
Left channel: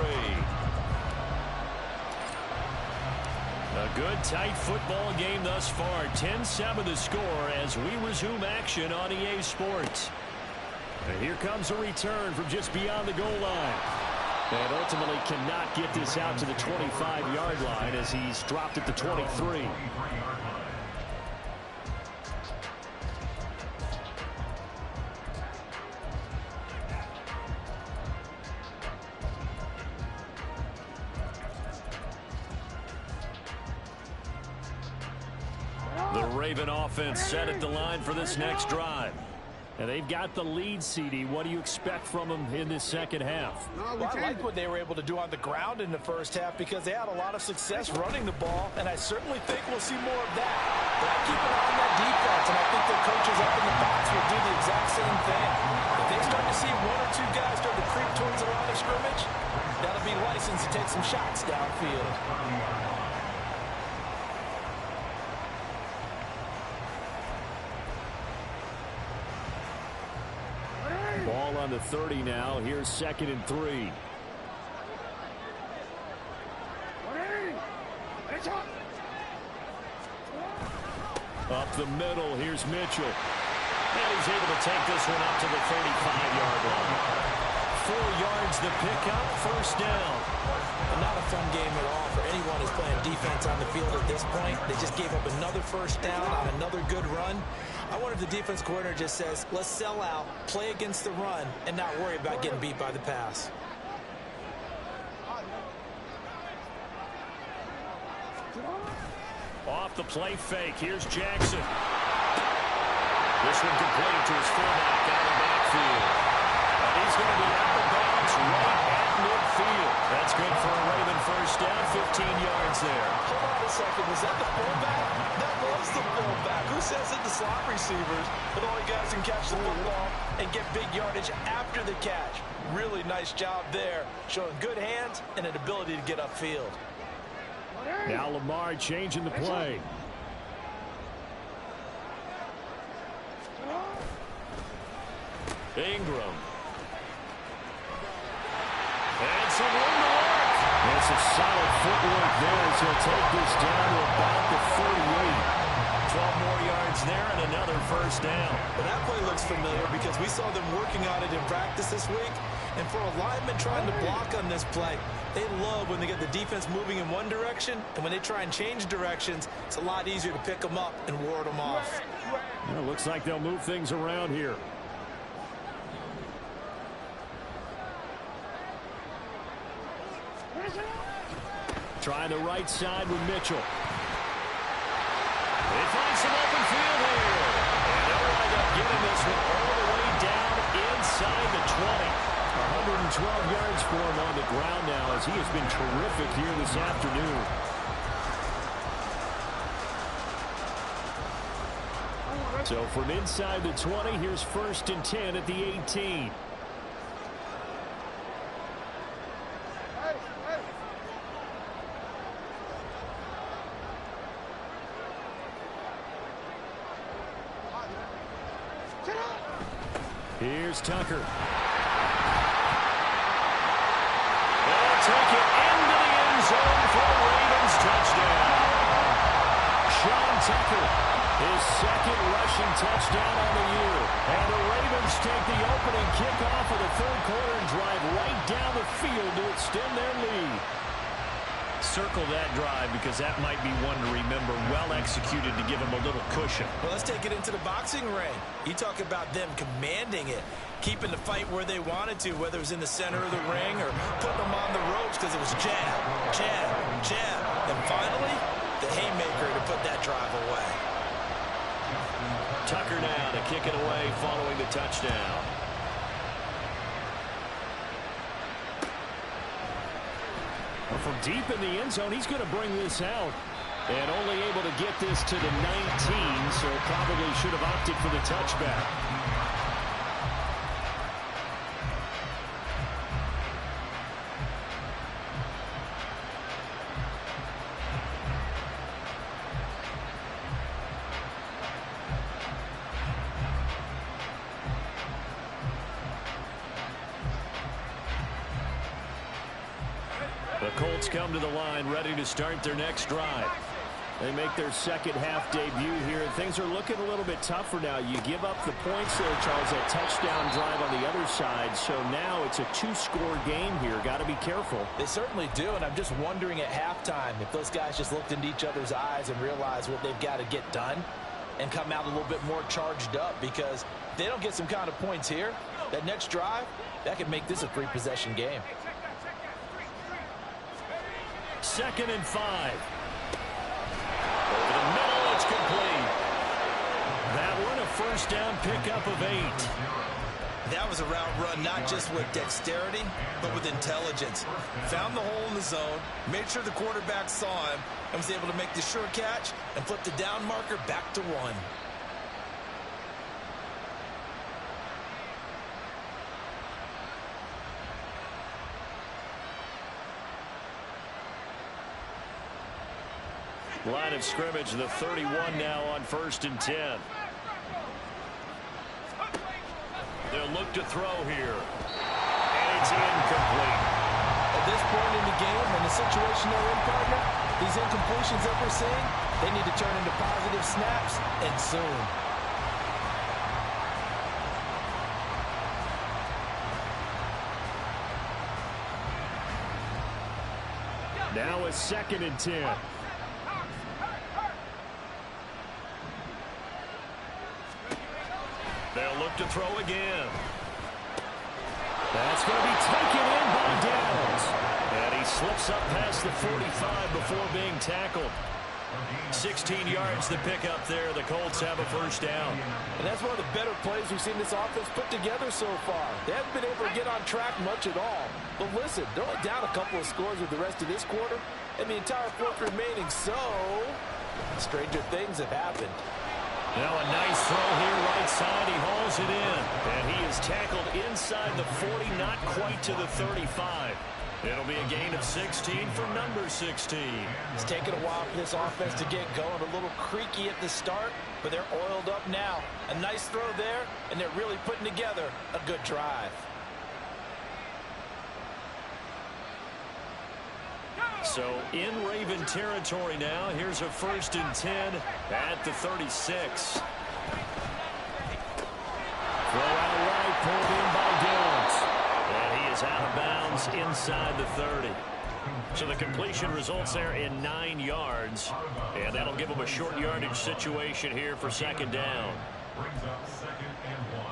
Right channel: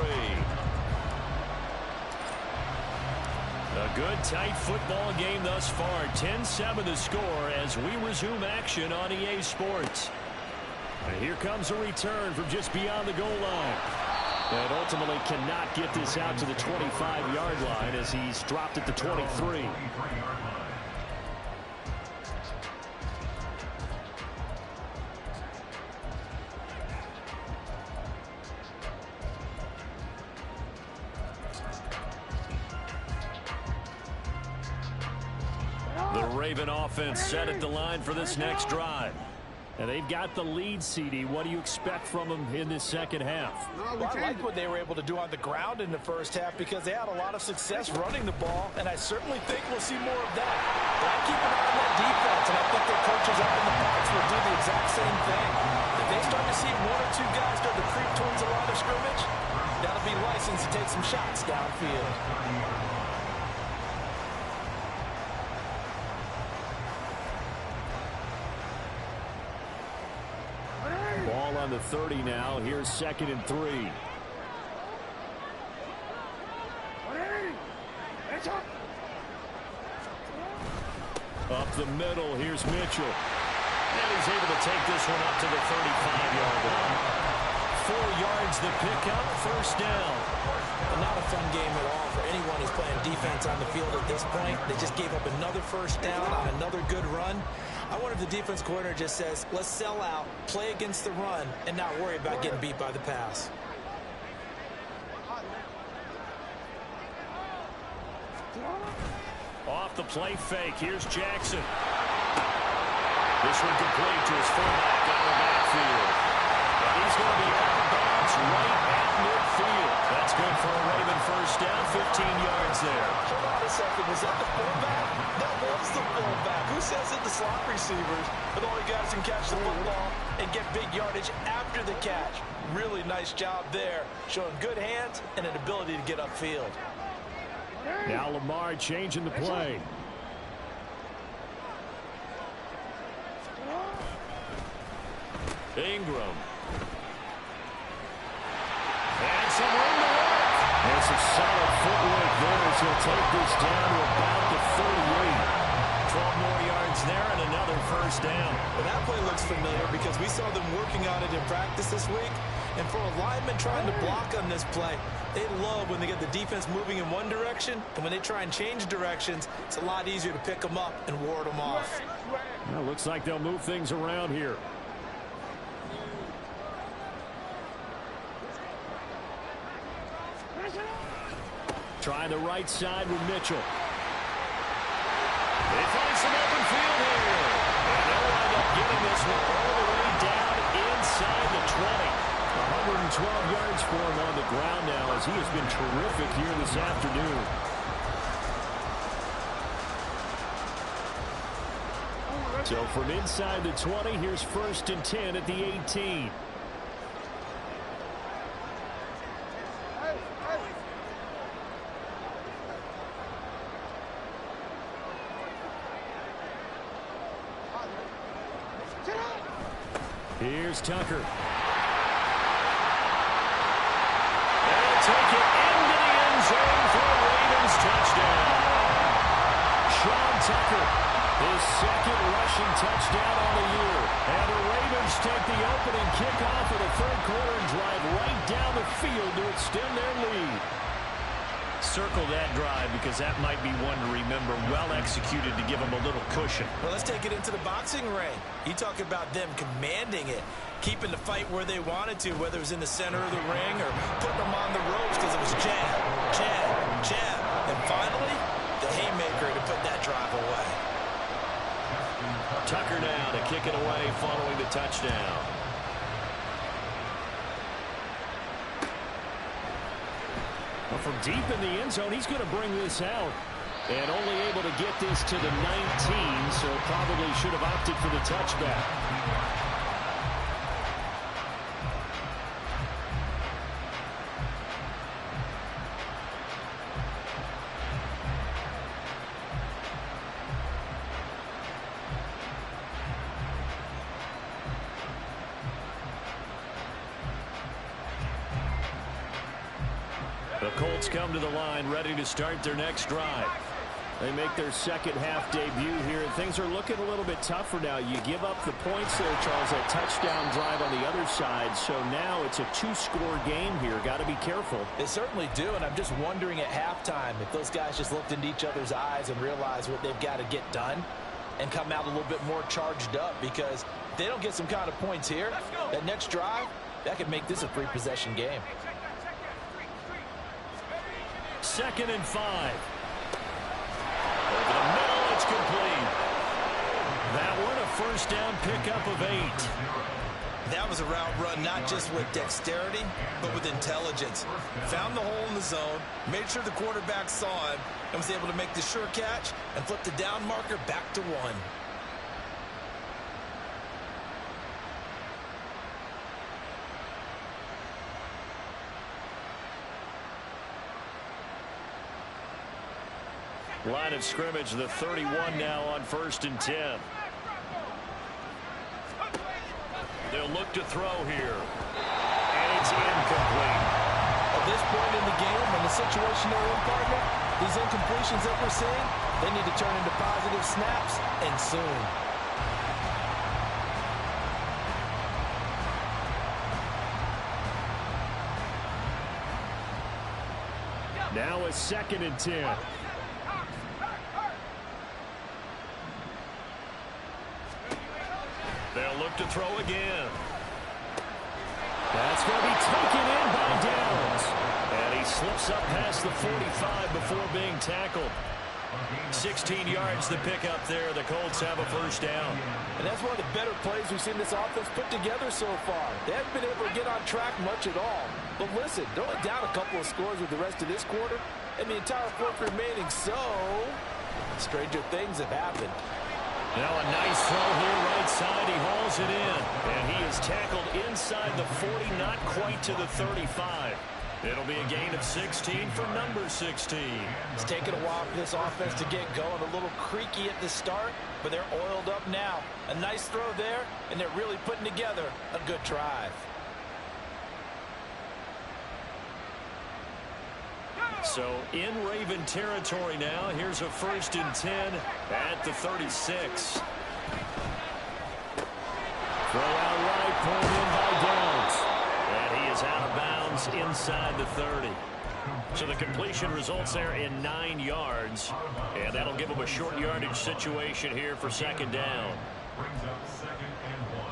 A good, tight football game thus far. 10-7 the score as we resume action on EA Sports. And here comes a return from just beyond the goal line. And ultimately cannot get this out to the 25-yard line as he's dropped at the 23. The Raven offense set at the line for this next drive. And they've got the lead, CD. What do you expect from them in this second half? Well, I like what they were able to do on the ground in the first half because they had a lot of success running the ball, and I certainly think we'll see more of that. But I keep an eye on that defense, and I think their coaches up in the box will do the exact same thing. If they start to see 1 or 2 guys start to creep towards the line of scrimmage, that'll be license to take some shots downfield. Ball on the 30 now. Here's 2nd and 3. Up the middle. Here's Mitchell. And he's able to take this one up to the 35-yard line. 4 yards the pickup, first down. Not a fun game at all for anyone who's playing defense on the field at this point. They just gave up another first down on another good run. I wonder if the defense coordinator just says, let's sell out, play against the run, and not worry about getting beat by the pass. Off the play fake, here's Jackson. This one complete to his fullback out of the backfield. And he's going to be out of bounds right at midfield. That's good for a Raven first down, 15 yards there. Hold on a second, was that the fullback? That was the fullback. Who says it? The slot receivers are the only guys who can catch the football and get big yardage after the catch. Really nice job there, showing good hands and an ability to get upfield. Now Lamar changing the play. Ingram. And some room to work. And some solid footwork there as he'll take this down to about the 38. 12 more yards there and another first down. Well, that play looks familiar because we saw them working on it in practice this week. And for a lineman trying to block on this play, they love when they get the defense moving in one direction. And when they try and change directions, it's a lot easier to pick them up and ward them off. Well, looks like they'll move things around here. Trying the right side with Mitchell. They find some open field here. And they'll wind up getting this one all the way down inside the 20. 112 yards for him on the ground now as he has been terrific here this afternoon. So from inside the 20, here's 1st and 10 at the 18. Here's Tucker. They'll take it into the end zone for a Ravens touchdown. Sean Tucker, his 2nd rushing touchdown on the year. And the Ravens take the opening kickoff of the 3rd quarter and drive right down the field to extend their lead. Circle that drive because that might be one to remember. Well executed to give them a little cushion. Well, let's take it into the boxing ring. You talk about them commanding it, keeping the fight where they wanted to, whether it was in the center of the ring or putting them on the ropes because it was jab, jab, jab. And finally, the haymaker to put that drive away. Tucker now to kick it away following the touchdown. Well, from deep in the end zone, he's going to bring this out. And only able to get this to the 19, so probably should have opted for the touchback. The Colts come to the line ready to start their next drive. They make their 2nd half debut here. Things are looking a little bit tougher now. You give up the points there, Charles, that touchdown drive on the other side. So now it's a 2-score game here. Got to be careful. They certainly do, and I'm just wondering at halftime if those guys just looked into each other's eyes and realized what they've got to get done and come out a little bit more charged up, because if they don't get some kind of points here, that next drive, that could make this a 3-possession game. 2nd and 5. Over the middle, it's complete. That one, a first down pickup of 8. That was a route run not just with dexterity, but with intelligence. Found the hole in the zone, made sure the quarterback saw him, and was able to make the sure catch and flip the down marker back to 1. Line of scrimmage, the 31 now on 1st and 10. They'll look to throw here. And it's incomplete. At this point in the game, and the situation they're in, partner, these incompletions that we're seeing, they need to turn into positive snaps, and soon. 2nd and 10. They'll look to throw again. That's going to be taken in by Downs. And he slips up past the 45 before being tackled. 16 yards to pick up there. The Colts have a first down. And that's one of the better plays we've seen this offense put together so far. They haven't been able to get on track much at all. But listen, they're only down a couple of scores with the rest of this quarter, and the entire fourth remaining. So, stranger things have happened. Now a nice throw here right side. He hauls it in. And he is tackled inside the 40, not quite to the 35. It'll be a gain of 16 for number 16. It's taken a while for this offense to get going. A little creaky at the start, but they're oiled up now. A nice throw there, and they're really putting together a good drive. So in Raven territory now. Here's a 1st and 10 at the 36. Throw out right, pulled in by Downs. And he is out of bounds inside the 30. So the completion results there in 9 yards. And that'll give him a short yardage situation here for 2nd down. Brings up 2nd and 1.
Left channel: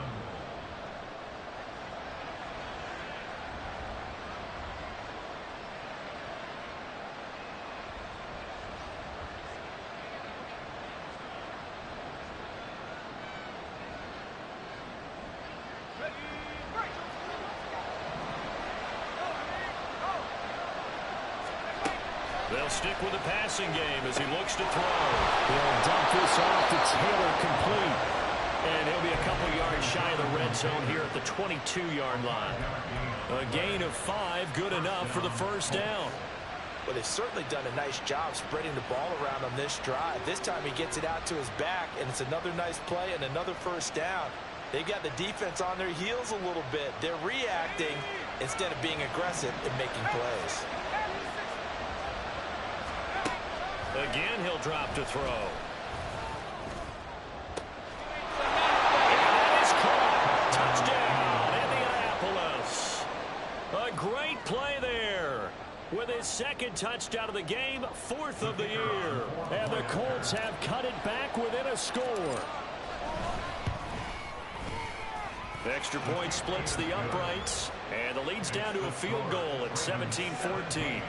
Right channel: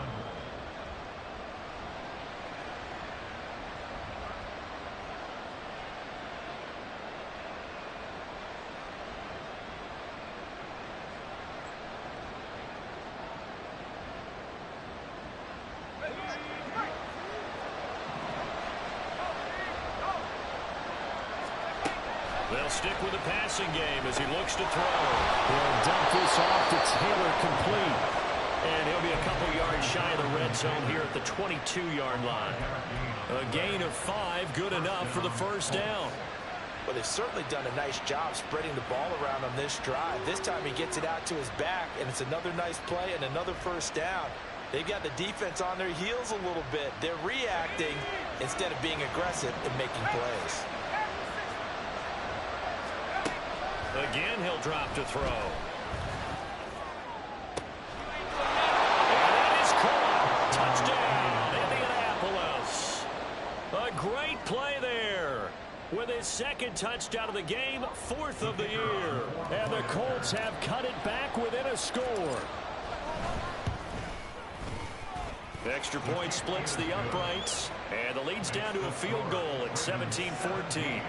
They'll stick with the passing game as he looks to throw. He'll dump this off to Taylor, complete. And he'll be a couple yards shy of the red zone here at the 22-yard line. A gain of 5, good enough for the first down. Well, they've certainly done a nice job spreading the ball around on this drive. This time he gets it out to his back, and it's another nice play and another first down. They've got the defense on their heels a little bit. They're reacting instead of being aggressive and making plays. Again, he'll drop to throw. And that is caught. Touchdown, Indianapolis. A great play there. With his 2nd touchdown of the game, 4th of the year. And the Colts have cut it back within a score. The extra point splits the uprights. And the lead's down to a field goal at 17-14. 14.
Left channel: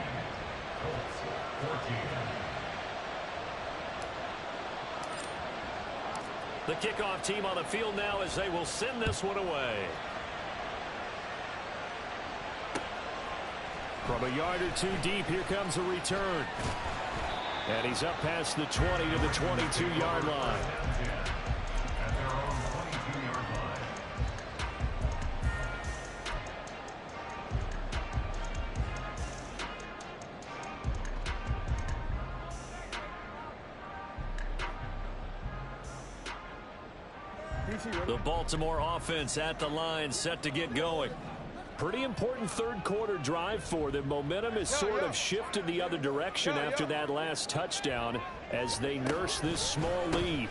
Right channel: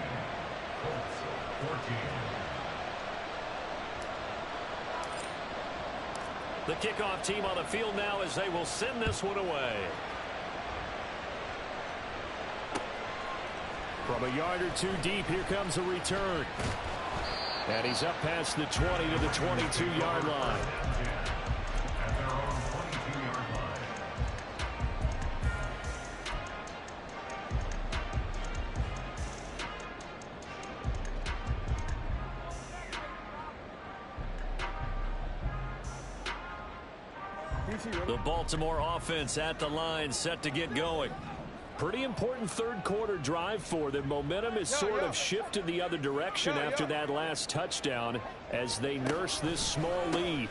The kickoff team on the field now as they will send this one away. From a yard or two deep, here comes a return. And he's up past the 20 to the 22-yard line. At their own 22-yard line. The Baltimore offense at the line, set to get going. Pretty important 3rd quarter drive for them. Momentum has sort of shifted the other direction after that last touchdown as they nurse this small lead.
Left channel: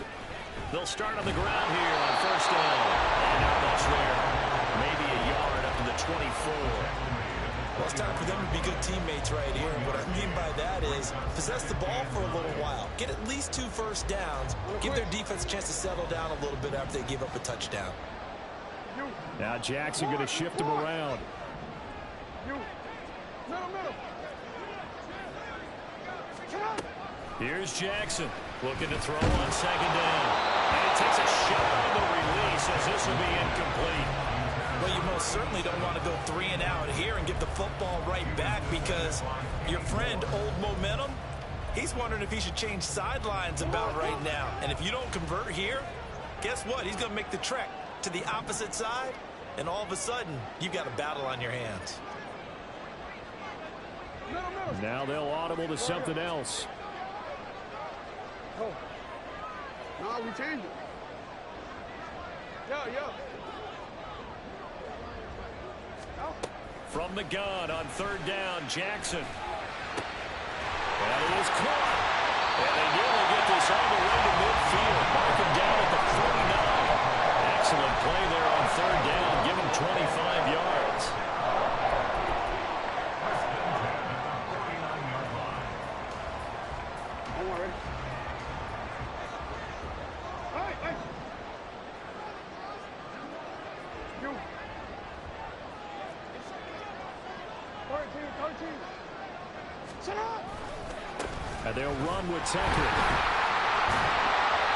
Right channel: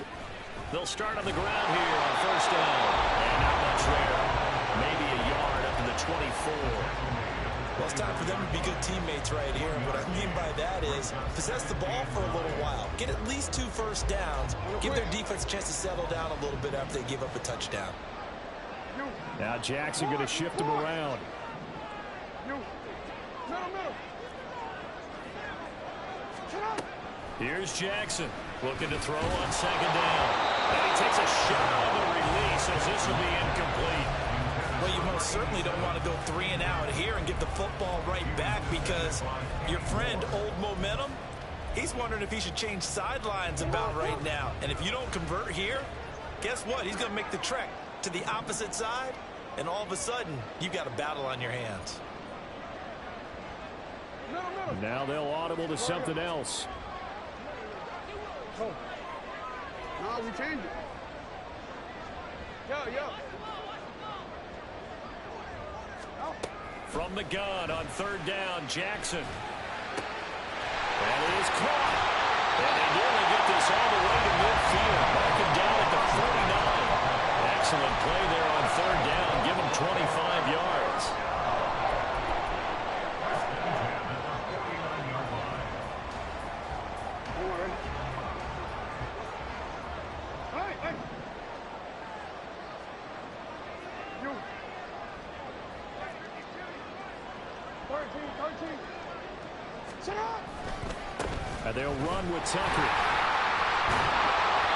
They'll start on the ground here on 1st down. And not much there. Maybe a yard up to the 24. Well, it's time for them to be good teammates right here. And what I mean by that is possess the ball for a little while. Get at least 2 first downs. Give their defense a chance to settle down a little bit after they give up a touchdown. Now Jackson going to shift him around. Here's Jackson looking to throw on 2nd down. And he takes a shot on the release as this will be incomplete. Well, you most certainly don't want to go 3 and out here and give the football right back because your friend, Old Momentum, he's wondering if he should change sidelines about right now. And if you don't convert here, guess what? He's going to make the trek to the opposite side, and all of a sudden, you've got a battle on your hands. Now they'll audible to something else. No, we changed it. Yeah. From the gun on 3rd down, Jackson. And he is caught. And they nearly get this all the way to midfield. Mark him down at the 49. Excellent play there on 3rd down. Give him 25 yards. Come on, ready? Hey! You. 13. Shut up! And they'll run with Tucker.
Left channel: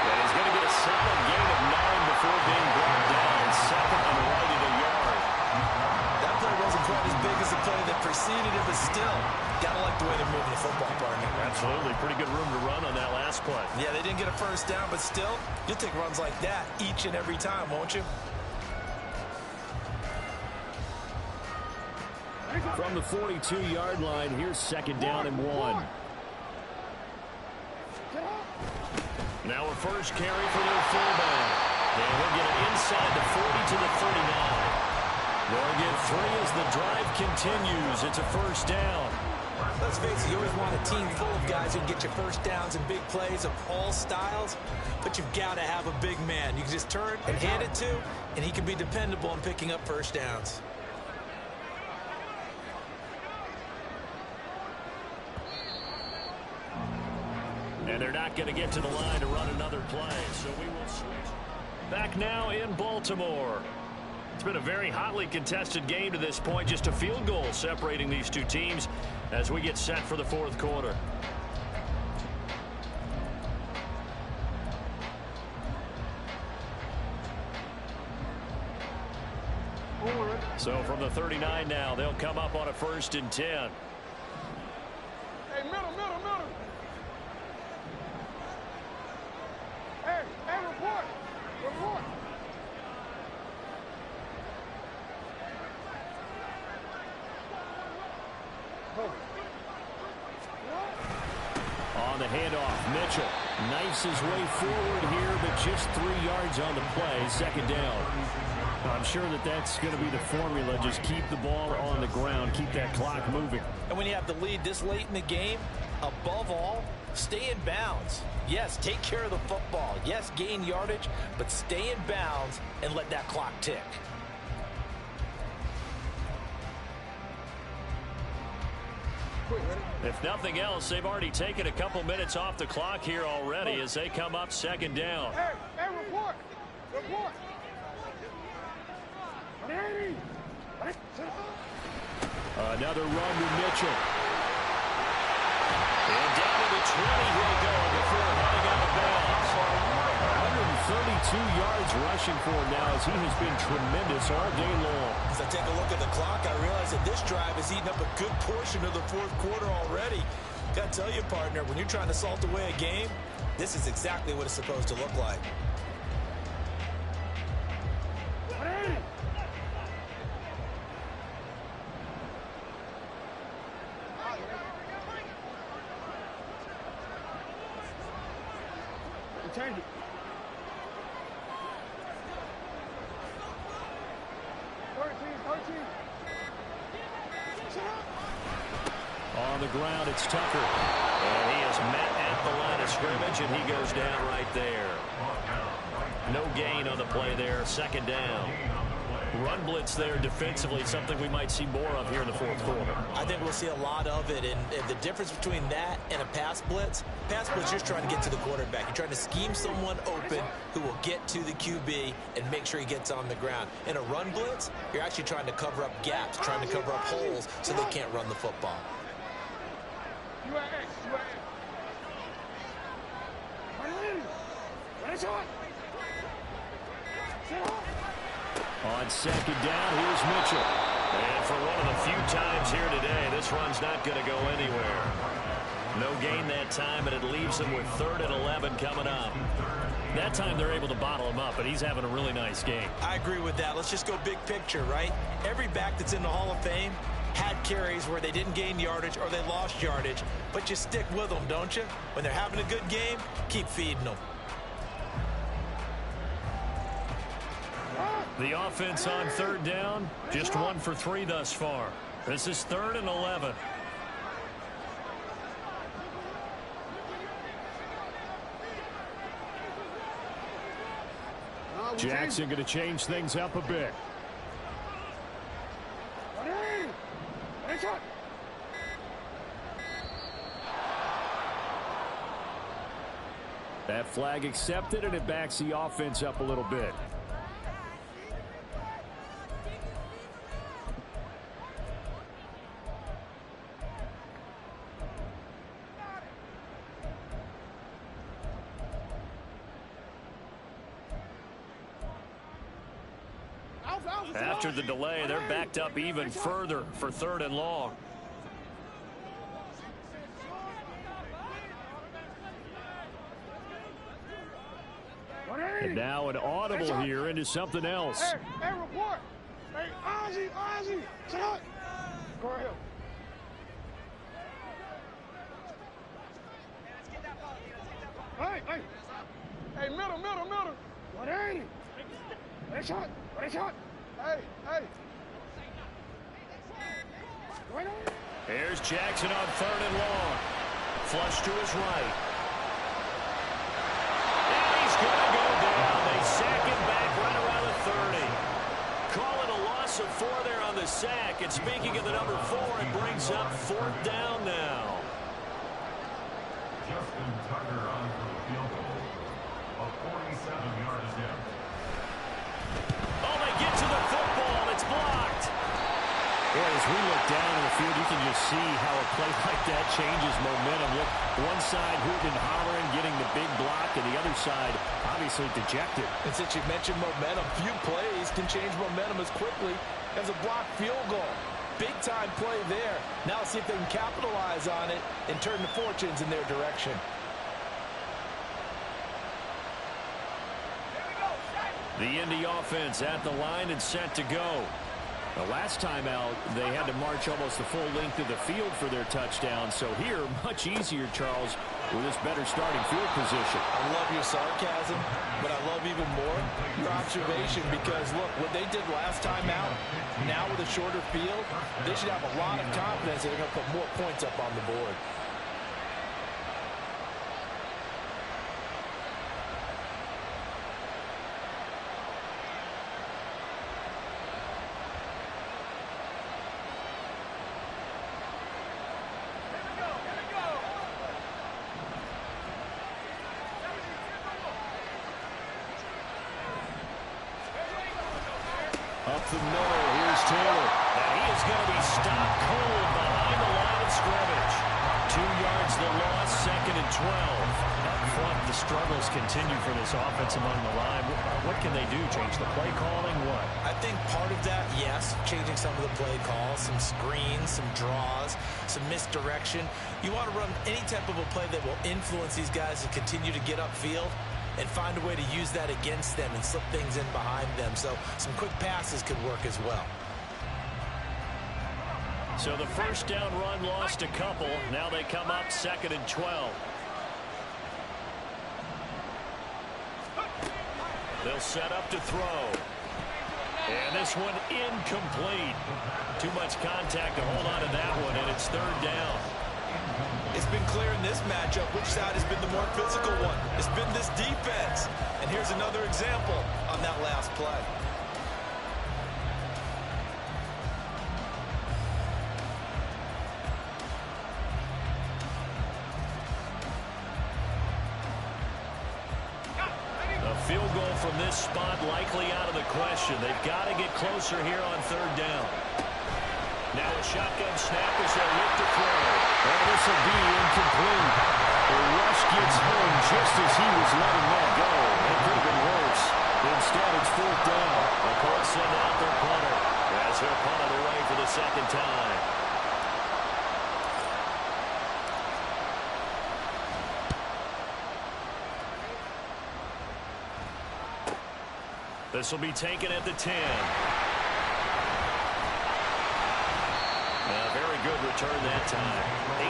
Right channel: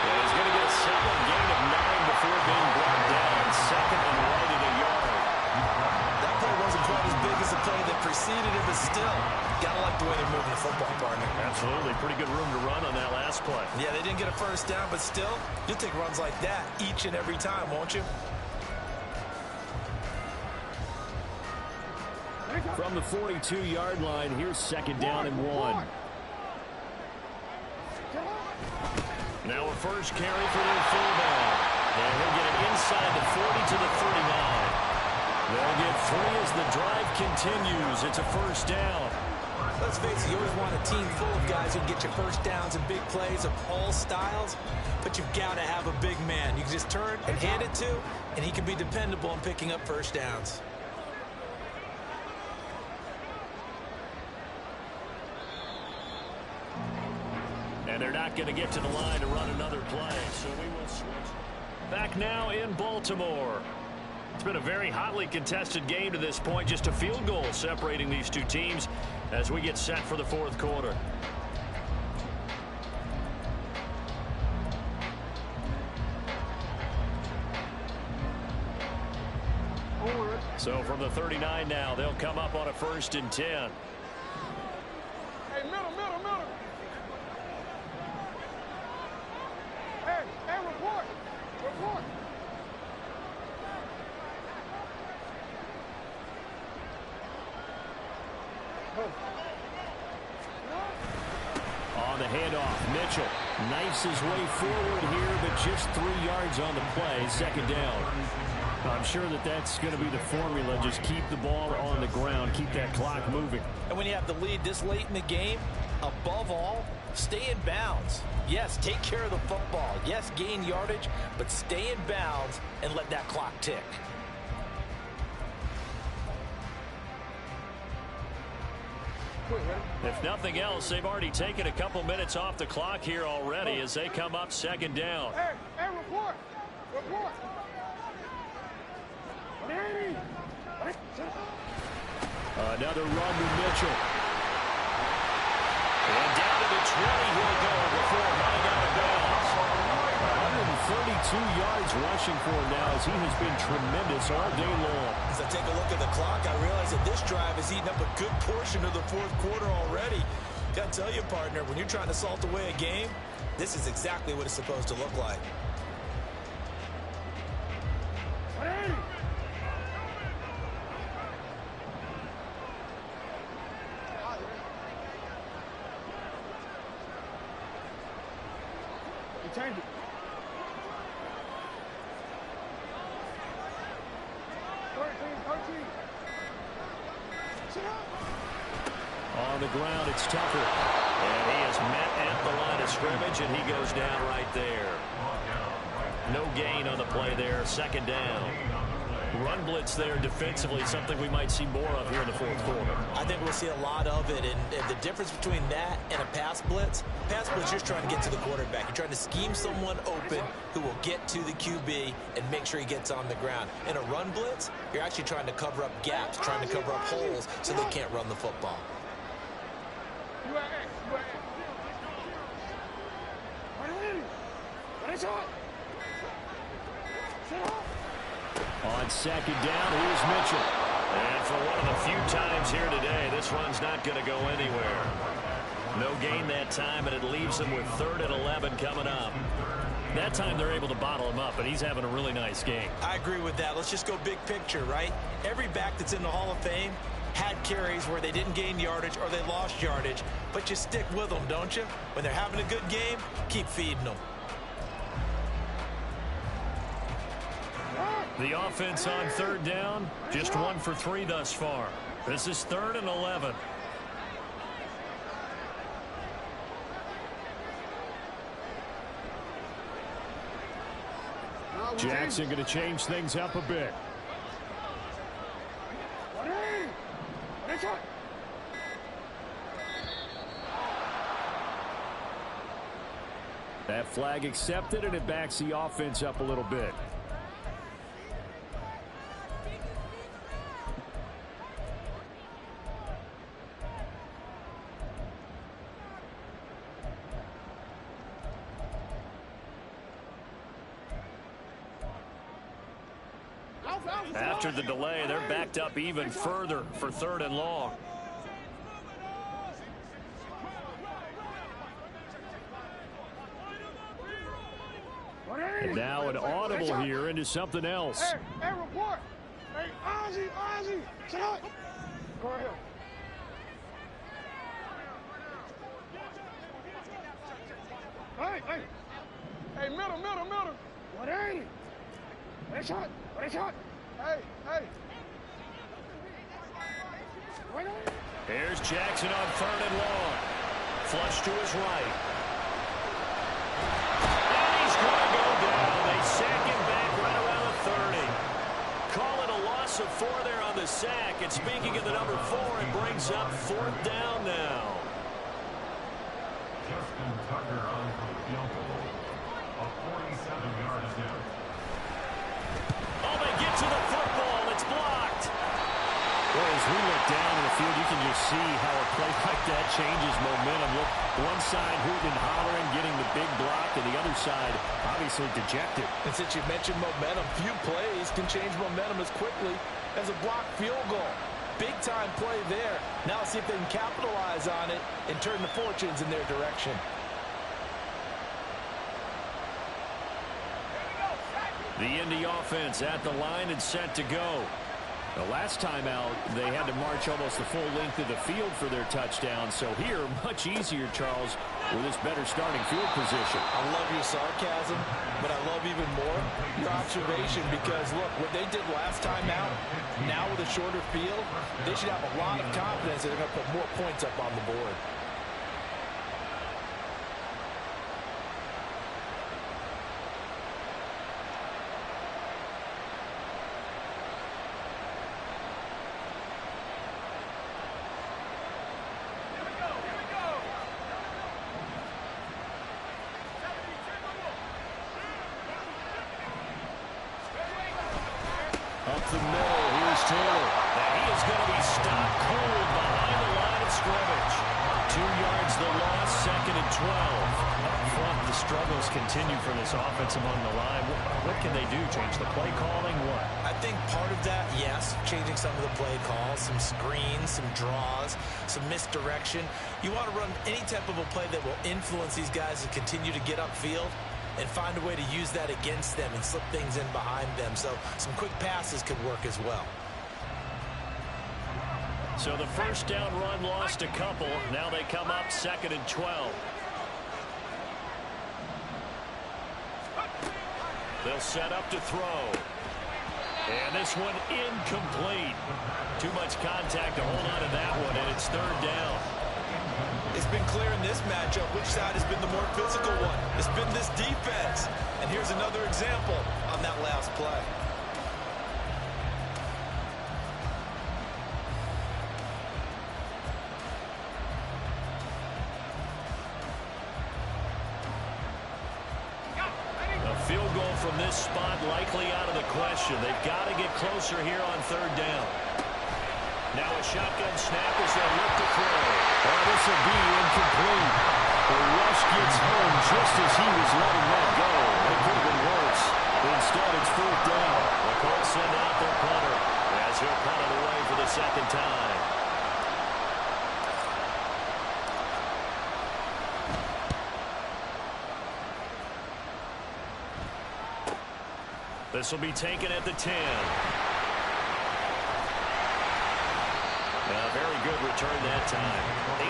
And he's going to get a solid gain of 9 before being brought down. Second and right at a yard. That play wasn't quite as big as the play that preceded it, but still, gotta like the way they're moving the football, partner. Absolutely. Pretty good room to run on that last play. Yeah, they didn't get a first down, but still, you'll take runs like that each and every time, won't you? From the 42-yard line, here's second down and 1. Now a first carry for their fullback. And he'll get it inside the 40 to the 39. They'll get 3 as the drive continues. It's a first down. Let's face it, you always want a team full of guys who can get you first downs and big plays of all styles, but you've got to have a big man you can just turn and hand it to, and he can be dependable in picking up first downs. And they're not going to get to the line to run another play, so we will switch. Back now in Baltimore. It's been a very hotly contested game to this point. Just a field goal separating these two teams as we get set for the fourth quarter. So from the 39 now, they'll come up on a 1st and 10. Hey, middle. Hey, report. On the handoff, Mitchell knifes his way forward here, but just 3 yards on the play, second down. I'm sure that's going to be the formula. Just keep the ball on the ground, keep that clock moving. And when you have the lead this late in the game, above all, stay in bounds. Yes, take care of the football. Yes, gain yardage, but stay in bounds and let that clock tick. If nothing else, they've already taken a couple minutes off the clock here already as they come up second down. Hey, report. Another run with Mitchell. And down to the 20 he'll go before running out of bounds. 132 yards rushing for him now as he has been tremendous all day long. As I take a look at the clock, I realize that this drive has eaten up a good portion of the fourth quarter already. Got to tell you, partner, when you're trying to salt away a game, this is exactly what it's supposed to look like. Change it. 13. Shut up. On the ground, it's Tucker. And he is met at the line of scrimmage, and he goes down right there. No gain on the play there, second down. Run blitz there defensively, something we might see more of here in the fourth quarter. I think we'll see a lot of it, and the difference between that and a pass blitz, you're just trying to get to the quarterback. You're trying to scheme someone open who will get to the QB and make sure he gets on the ground. In a run blitz, you're actually trying to cover up gaps, trying to cover up holes so they can't run the football. You are X. Ready, shot. On second down, here's Mitchell. And for one of the few times here today, this run's not going to go anywhere. No gain that time, and it leaves them with 3rd and 11 coming up. That time they're able to bottle him up, but he's having a really nice game. I agree with that. Let's just go big picture, right? Every back that's in the Hall of Fame had carries where they didn't gain yardage or they lost yardage, but you stick with them, don't you? When they're having a good game, keep feeding them. The offense on 3rd down, just 1 for 3 thus far. This is 3rd and 11. Jackson going to change things up a bit. That flag accepted, and it backs the offense up a little bit. After the delay, they're backed up even further for 3rd and long. And now an audible here into something else. Hey, report. Hey, Ozzy, shut up. Go ahead. Hey, middle. 180. What a shot. Hey. Here's Jackson on 3rd and long. Flush to his right. And he's going to go down. They sack him back right around the 30. Call it a loss of 4 there on the sack. And speaking of the number 4, it brings up 4th down now. Justin Tucker on for the field goal. A 47-yard attempt. Oh, they get to the football. It's blocked. Boy, as we look down in the field, you can just see how a play like that changes momentum. Look, one side hooting and hollering, getting the big block, and the other side obviously dejected. And since you mentioned momentum, few plays can change momentum as quickly as a blocked field goal. Big-time play there. Now see if they can capitalize on it and turn the fortunes in their direction. The Indy offense at the line and set to go. The last time out, they had to march almost the full length of the field for their touchdown. So here, much easier, Charles, with this better starting field position. I love your sarcasm, but I love even more your observation because, look, what they did last time out, now with a shorter field, they should have a lot of confidence that they're going to put more points up on the board. Up the middle, here's Taylor. And he is going to be stopped cold behind the line of scrimmage. 2 yards the loss, 2nd and 12. Up front, the struggles continue for this offense among the line. What can they do? Change the play calling? What? I think part of that, yes, changing some of the play calls, some screens, some draws, some misdirection. You want to run any type of a play that will influence these guys to continue to get upfield and find a way to use that against them and slip things in behind them. So some quick passes could work as well. So the first down run lost a couple. Now they come up 2nd and 12. They'll set up to throw. And this one incomplete. Too much contact to hold on to that one, and it's 3rd down. It's been clear in this matchup which side has been the more physical one. It's been this defense. And here's another example on that last play. A field goal from this spot likely out of the question. They've got to get closer here on 3rd down. Now a shotgun snap as they look to throw. Oh, this will be incomplete. The rush gets home just as he was letting that go. It could have been worse. Instead, it's 4th down. The Colts send out their punter as he'll punt it away for the 2nd time. This will be taken at the 10. A very good return that time.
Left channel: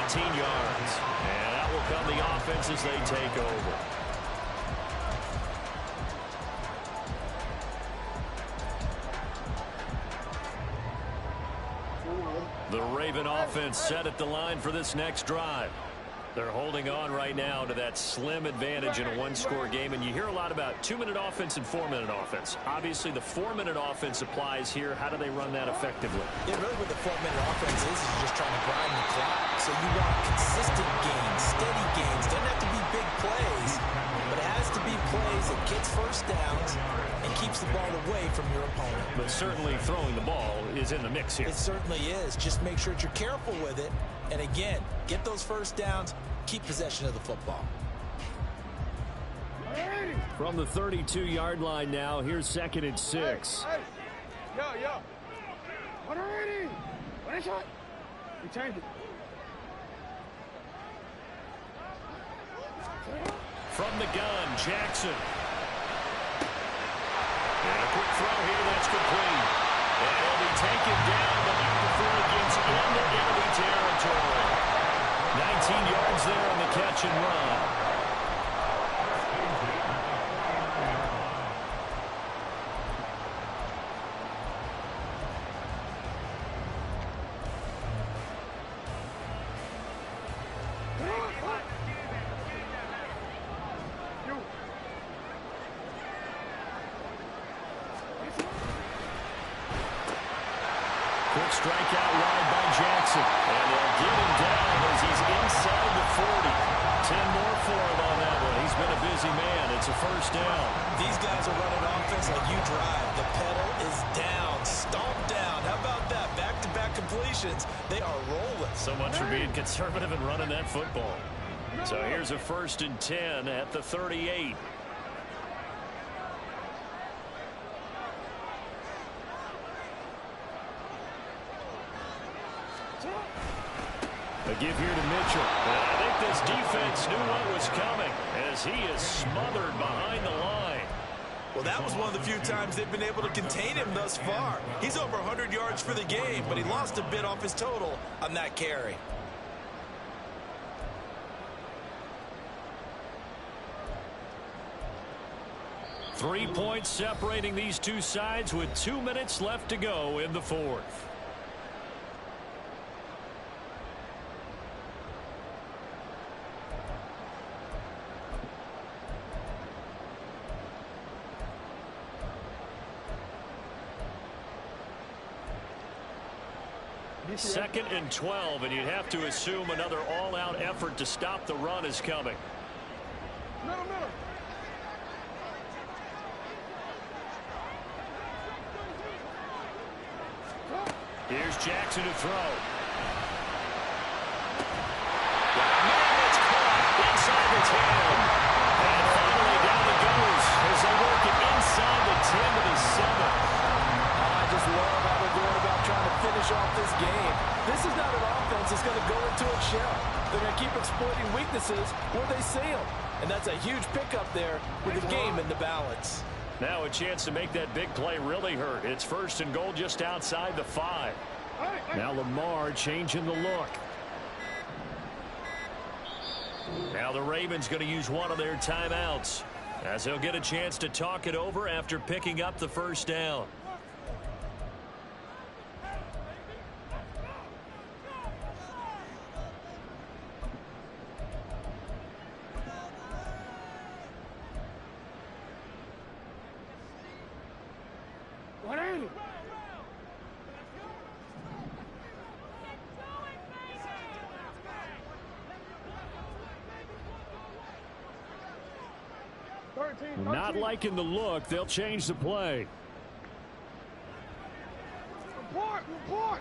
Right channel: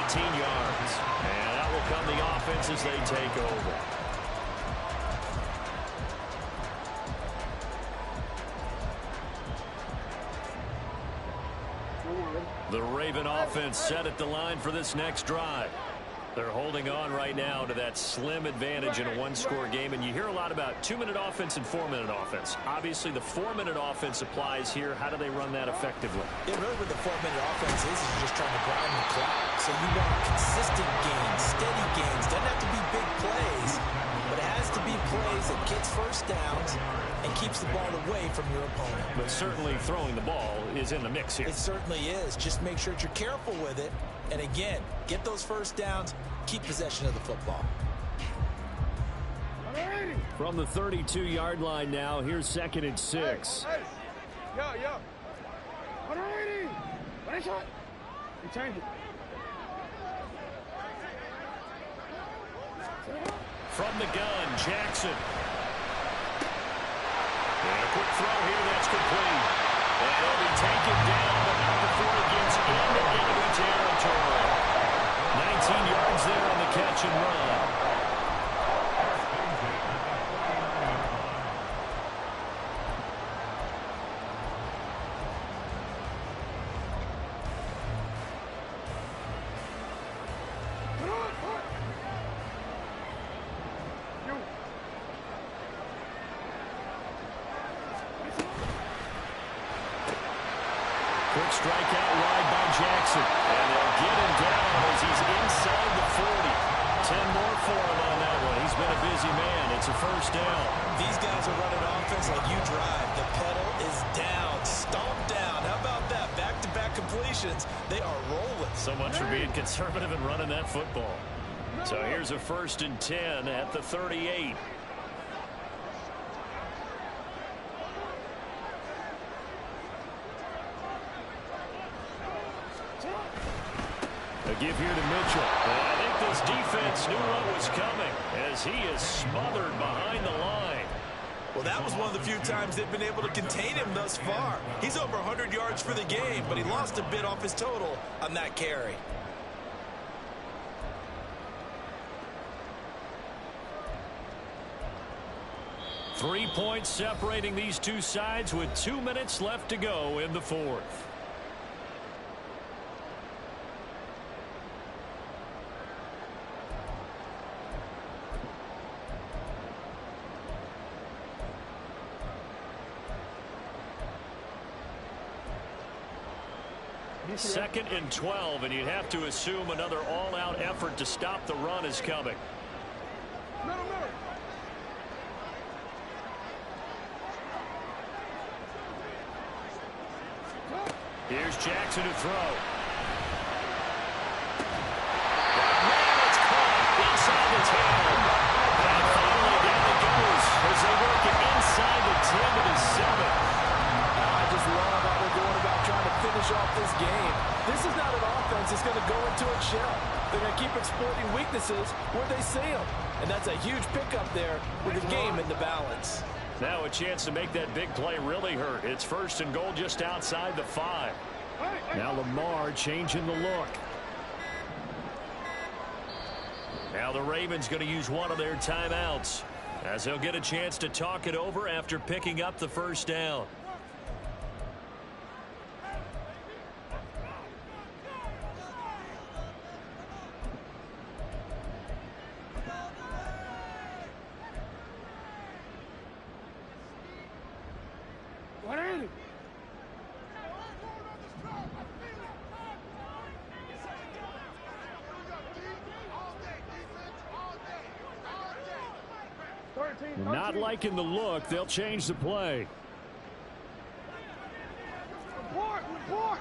18 yards. And out will come the offense as they take over. The Raven offense set at the line for this next drive. They're holding on right now to that slim advantage in a one-score game. And you hear a lot about 2-minute offense and 4-minute offense. Obviously, the 4-minute offense applies here. How do they run that effectively? Yeah, really what the 4-minute offense is just trying to grind the clock. So you want consistent gains, steady gains. Doesn't have to be big plays, but downs and keeps the ball away from your opponent. But certainly throwing the ball is in the mix here. It certainly is. Just make sure that you're careful with it. And again, get those first downs, keep possession of the football. From the 32-yard line now, here's 2nd and 6. Hey. Yo. 180. One shot. You change it. From the gun, Jackson. And a quick throw here that's complete. And he'll be taken down, but not before it gets into enemy territory. 19 yards there on the catch and run. Quick strike out wide by Jackson. And they'll get him down as he's inside the 40. 10 more for him on that one. He's been a busy man. It's a first down. These guys are running offense like you drive. The pedal is down. Stomp down. How about that? Back-to-back completions. They are rolling. So much for being conservative and running that football. So here's a 1st and 10 at the 38. A give here to Mitchell. And I think this defense knew what was coming as he is smothered behind the line. Well, that was one of the few times they've been able to contain him thus far. He's over 100 yards for the game, but he lost a bit off his total on that carry. Three points separating these two sides with 2 minutes left to go in the 4th. Second and 12, and you'd have to assume another all-out effort to stop the run is coming. Middle. Here's Jackson to throw. Man, it's caught inside the 10. And finally down it goes as they work it inside the 10 to the 7. I just love how they're going about trying to finish off this game. This is not an offense that's going to go into its shell. They're going to keep exploiting weaknesses where they see them. And that's a huge pickup there with the game in the balance. Now a chance to make that big play really hurt. It's 1st and goal just outside the 5. Now Lamar changing the look. Now the Ravens going to use one of their timeouts as they'll get a chance to talk it over after picking up the first down. Not liking the look. They'll change the play. Report.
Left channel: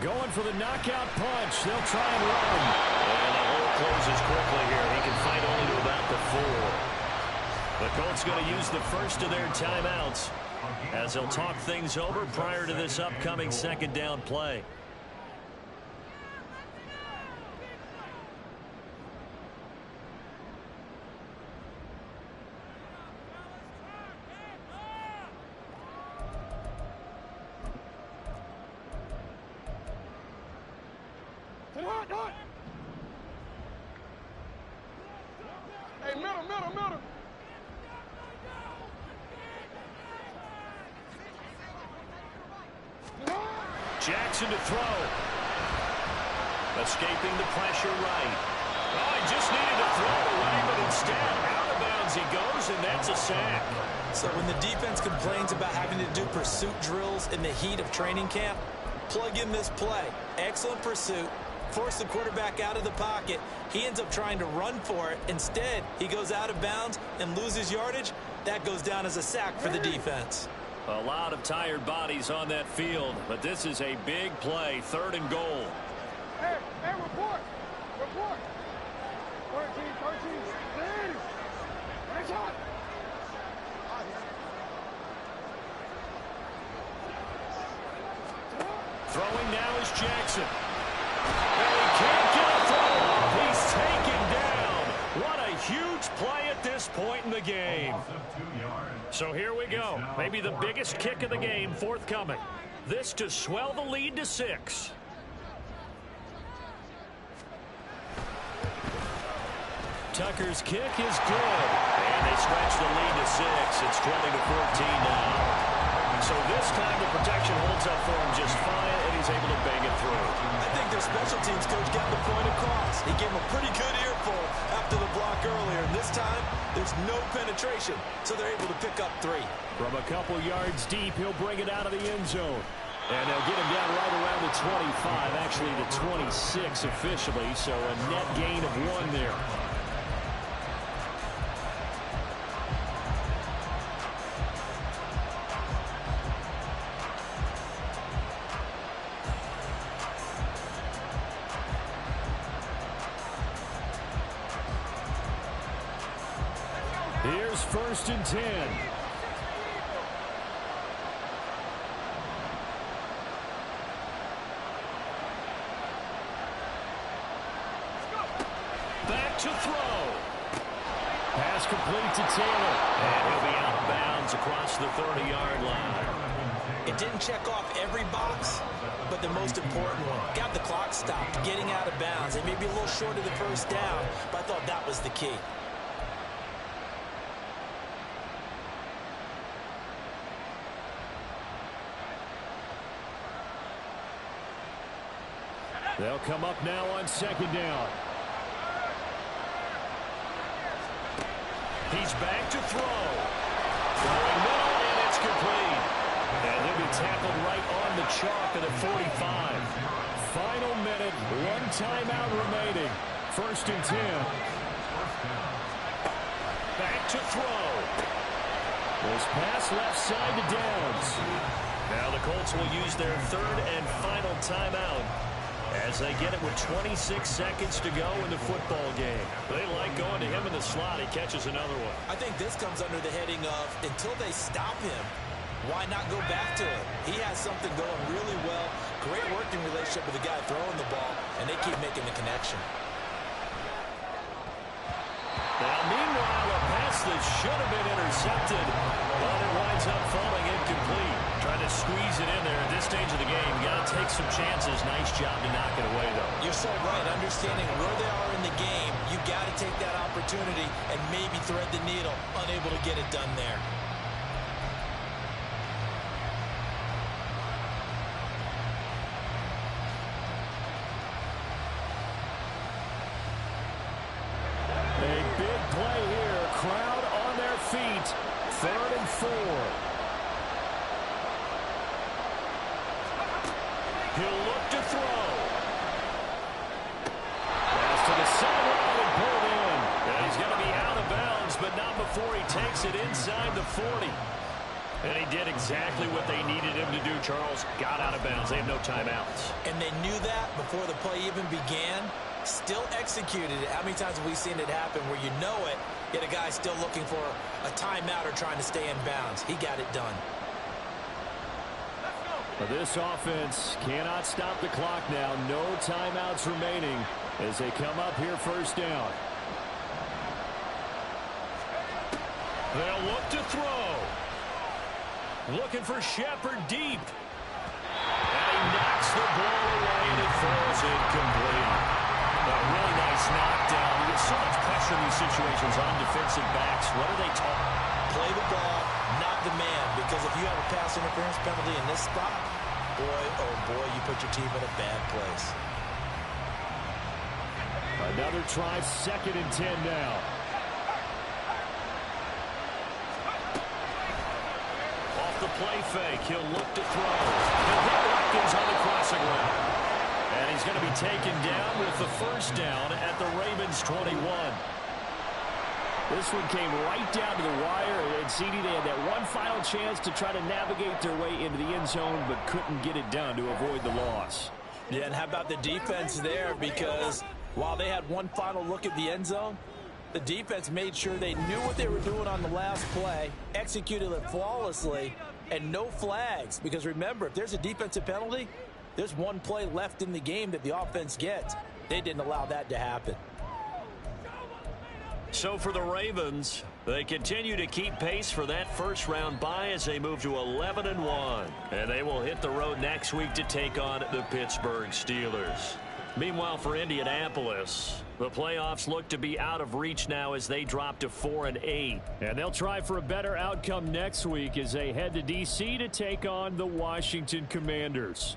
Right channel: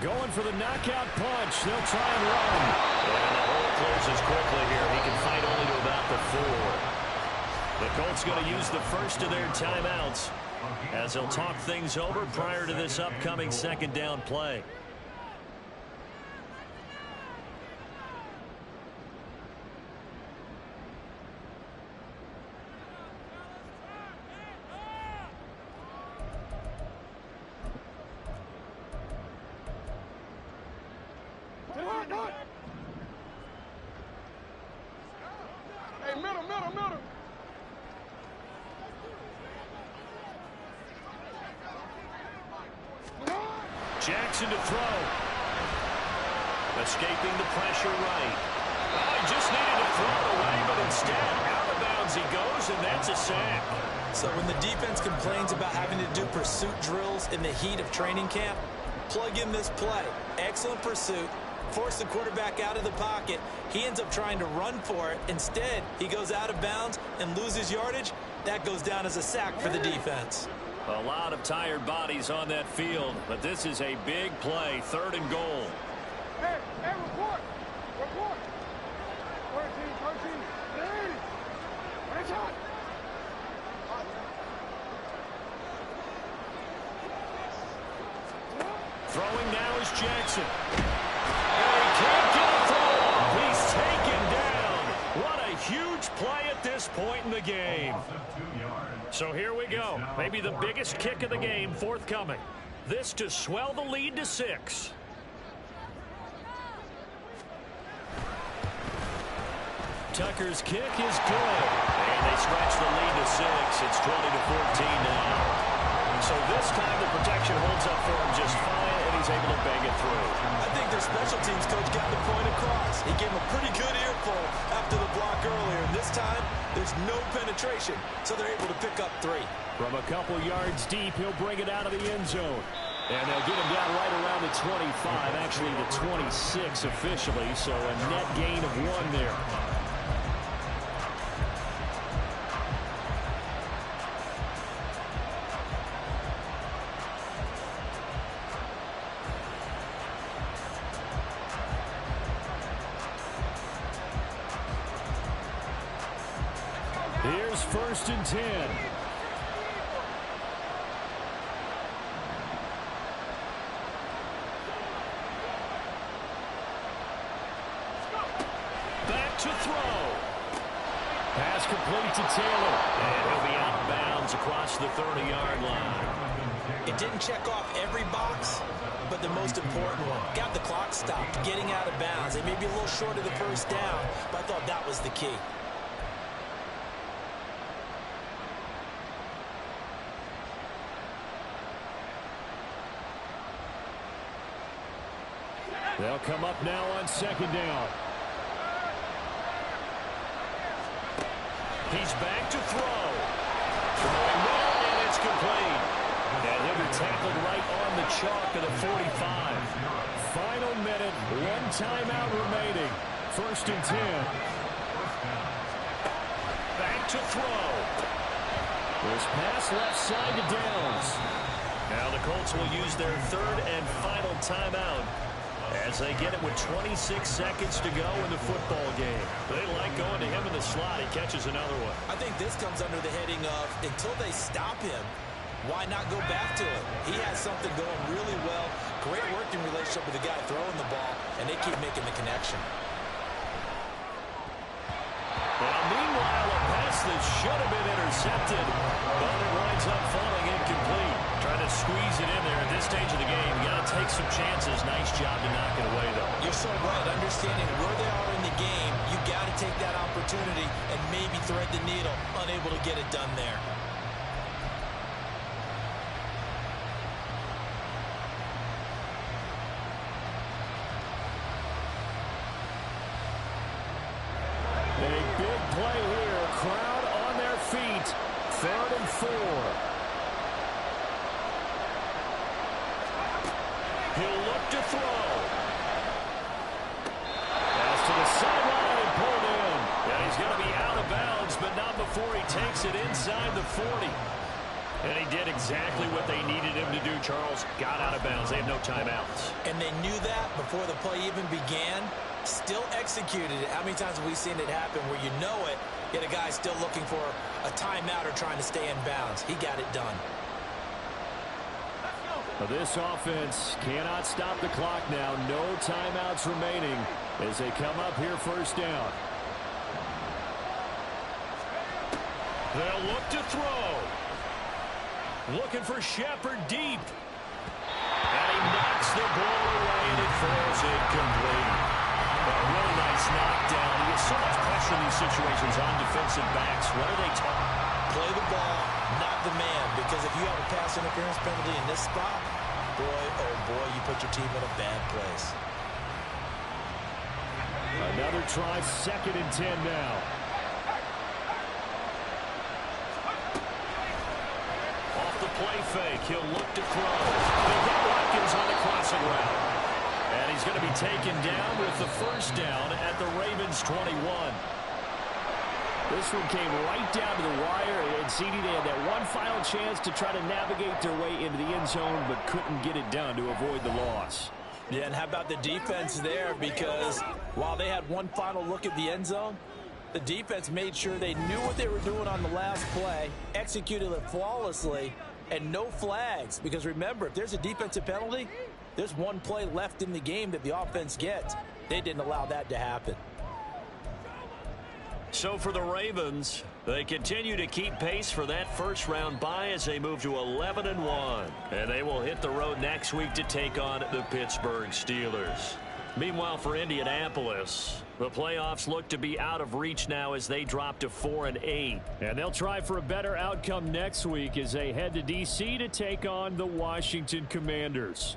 Going for the knockout punch. They'll try and run. And the hole closes quickly here. He can fight only to about the 4. The Colts going to use the first of their timeouts as they'll talk things over prior to this upcoming 2nd down play. Hey, middle. Jackson to throw. Escaping the pressure right. Oh, he just needed to throw it away, but instead, out of bounds he goes, and that's a sack. So when the defense complains about having to do pursuit drills in the heat of training camp, plug in this play. Excellent pursuit, force the quarterback out of the pocket. He ends up trying to run for it. Instead, he goes out of bounds and loses yardage. That goes down as a sack for the defense. A lot of tired bodies on that field, but this is a big play, 3rd and goal. Hey, report. 13, 13, 1 shot. Throwing now is Jackson. And he can't get a throw off. He's taken down. What a huge play at this point in the game. So here we go. Maybe the biggest kick of the game forthcoming. This to swell the lead to 6. Tucker's kick is good. And they stretch the lead to 6. It's 20-14 now. So this time the protection holds up for him just fine, and he's able to bang it through. I think their special teams coach got the point across. He gave him a pretty good earful after the block earlier. And this time, there's no penetration, so they're able to pick up 3. From a couple yards deep, he'll bring it out of the end zone. And they'll get him down right around the 25, actually the 26 officially, so a net gain of 1 there. Here's 1st and 10. Back to throw. Pass complete to Taylor. And he'll be out of bounds across the 30-yard line. It didn't check off every box, but the most important one. Got the clock stopped, getting out of bounds. They may be a little short of the 1st down, but I thought that was the key. They'll come up now on 2nd down. He's back to throw. Throwing middle, and it's complete. And he'll be tackled right on the chalk of the 45. Final minute, 1 timeout remaining. 1st and 10. Back to throw. This pass left side to Downs. Now the Colts will use their 3rd and final timeout as they get it with 26 seconds to go in the football game. They like going to him in the slot. He catches another one. I think this comes under the heading of, until they stop him, why not go back to it? He has something going really well. Great working relationship with the guy throwing the ball, and they keep making the connection. Now, meanwhile, a pass that should have been intercepted, but it winds up falling incomplete. Trying to squeeze it in there at this stage of the game. You got to take some chances. Nice job to knock it away, though. You're so right. Understanding where they are in the game, you got to take that opportunity and maybe thread the needle. Unable to get it done there. A big play here. Crowd on their feet. 3rd and 4. He'll look to throw. Pass to the sideline and pulled in. And he's going to be out of bounds, but not before he takes it inside the 40. And he did exactly what they needed him to do, Charles. Got out of bounds. They have no timeouts. And they knew that before the play even began. Still executed it. How many times have we seen it happen where you know it, yet a guy still looking for a timeout or trying to stay in bounds? He got it done. This offense cannot stop the clock now. No timeouts remaining as they come up here 1st down. They'll look to throw. Looking for Shepard deep. And he knocks the ball away, and it falls incomplete. A really nice knockdown. You get so much pressure in these situations on defensive backs. What are they taught? Play the ball, not the man. Because if you have a pass interference penalty in this spot, boy, oh boy, you put your team in a bad place. Another try, 2nd and 10 now. Off the play fake, he'll look to throw. He'll hit Watkins on the crossing route. And he's going to be taken down with the first down at the Ravens' 21. This one came right down to the wire, and CD, they had that one final chance to try to navigate their way into the end zone, but couldn't get it done to avoid the loss. Yeah, and how about the defense there? Because while they had one final look at the end zone, the defense made sure they knew what they were doing on the last play, executed it flawlessly, and no flags. Because remember, if there's a defensive penalty, there's one play left in the game that the offense gets. They didn't allow that to happen. So for the Ravens, they continue to keep pace for that first-round bye as they move to 11-1. And they will hit the road next week to take on the Pittsburgh Steelers. Meanwhile, for Indianapolis, the playoffs look to be out of reach now as they drop to 4-8. And they'll try for a better outcome next week as they head to D.C. to take on the Washington Commanders.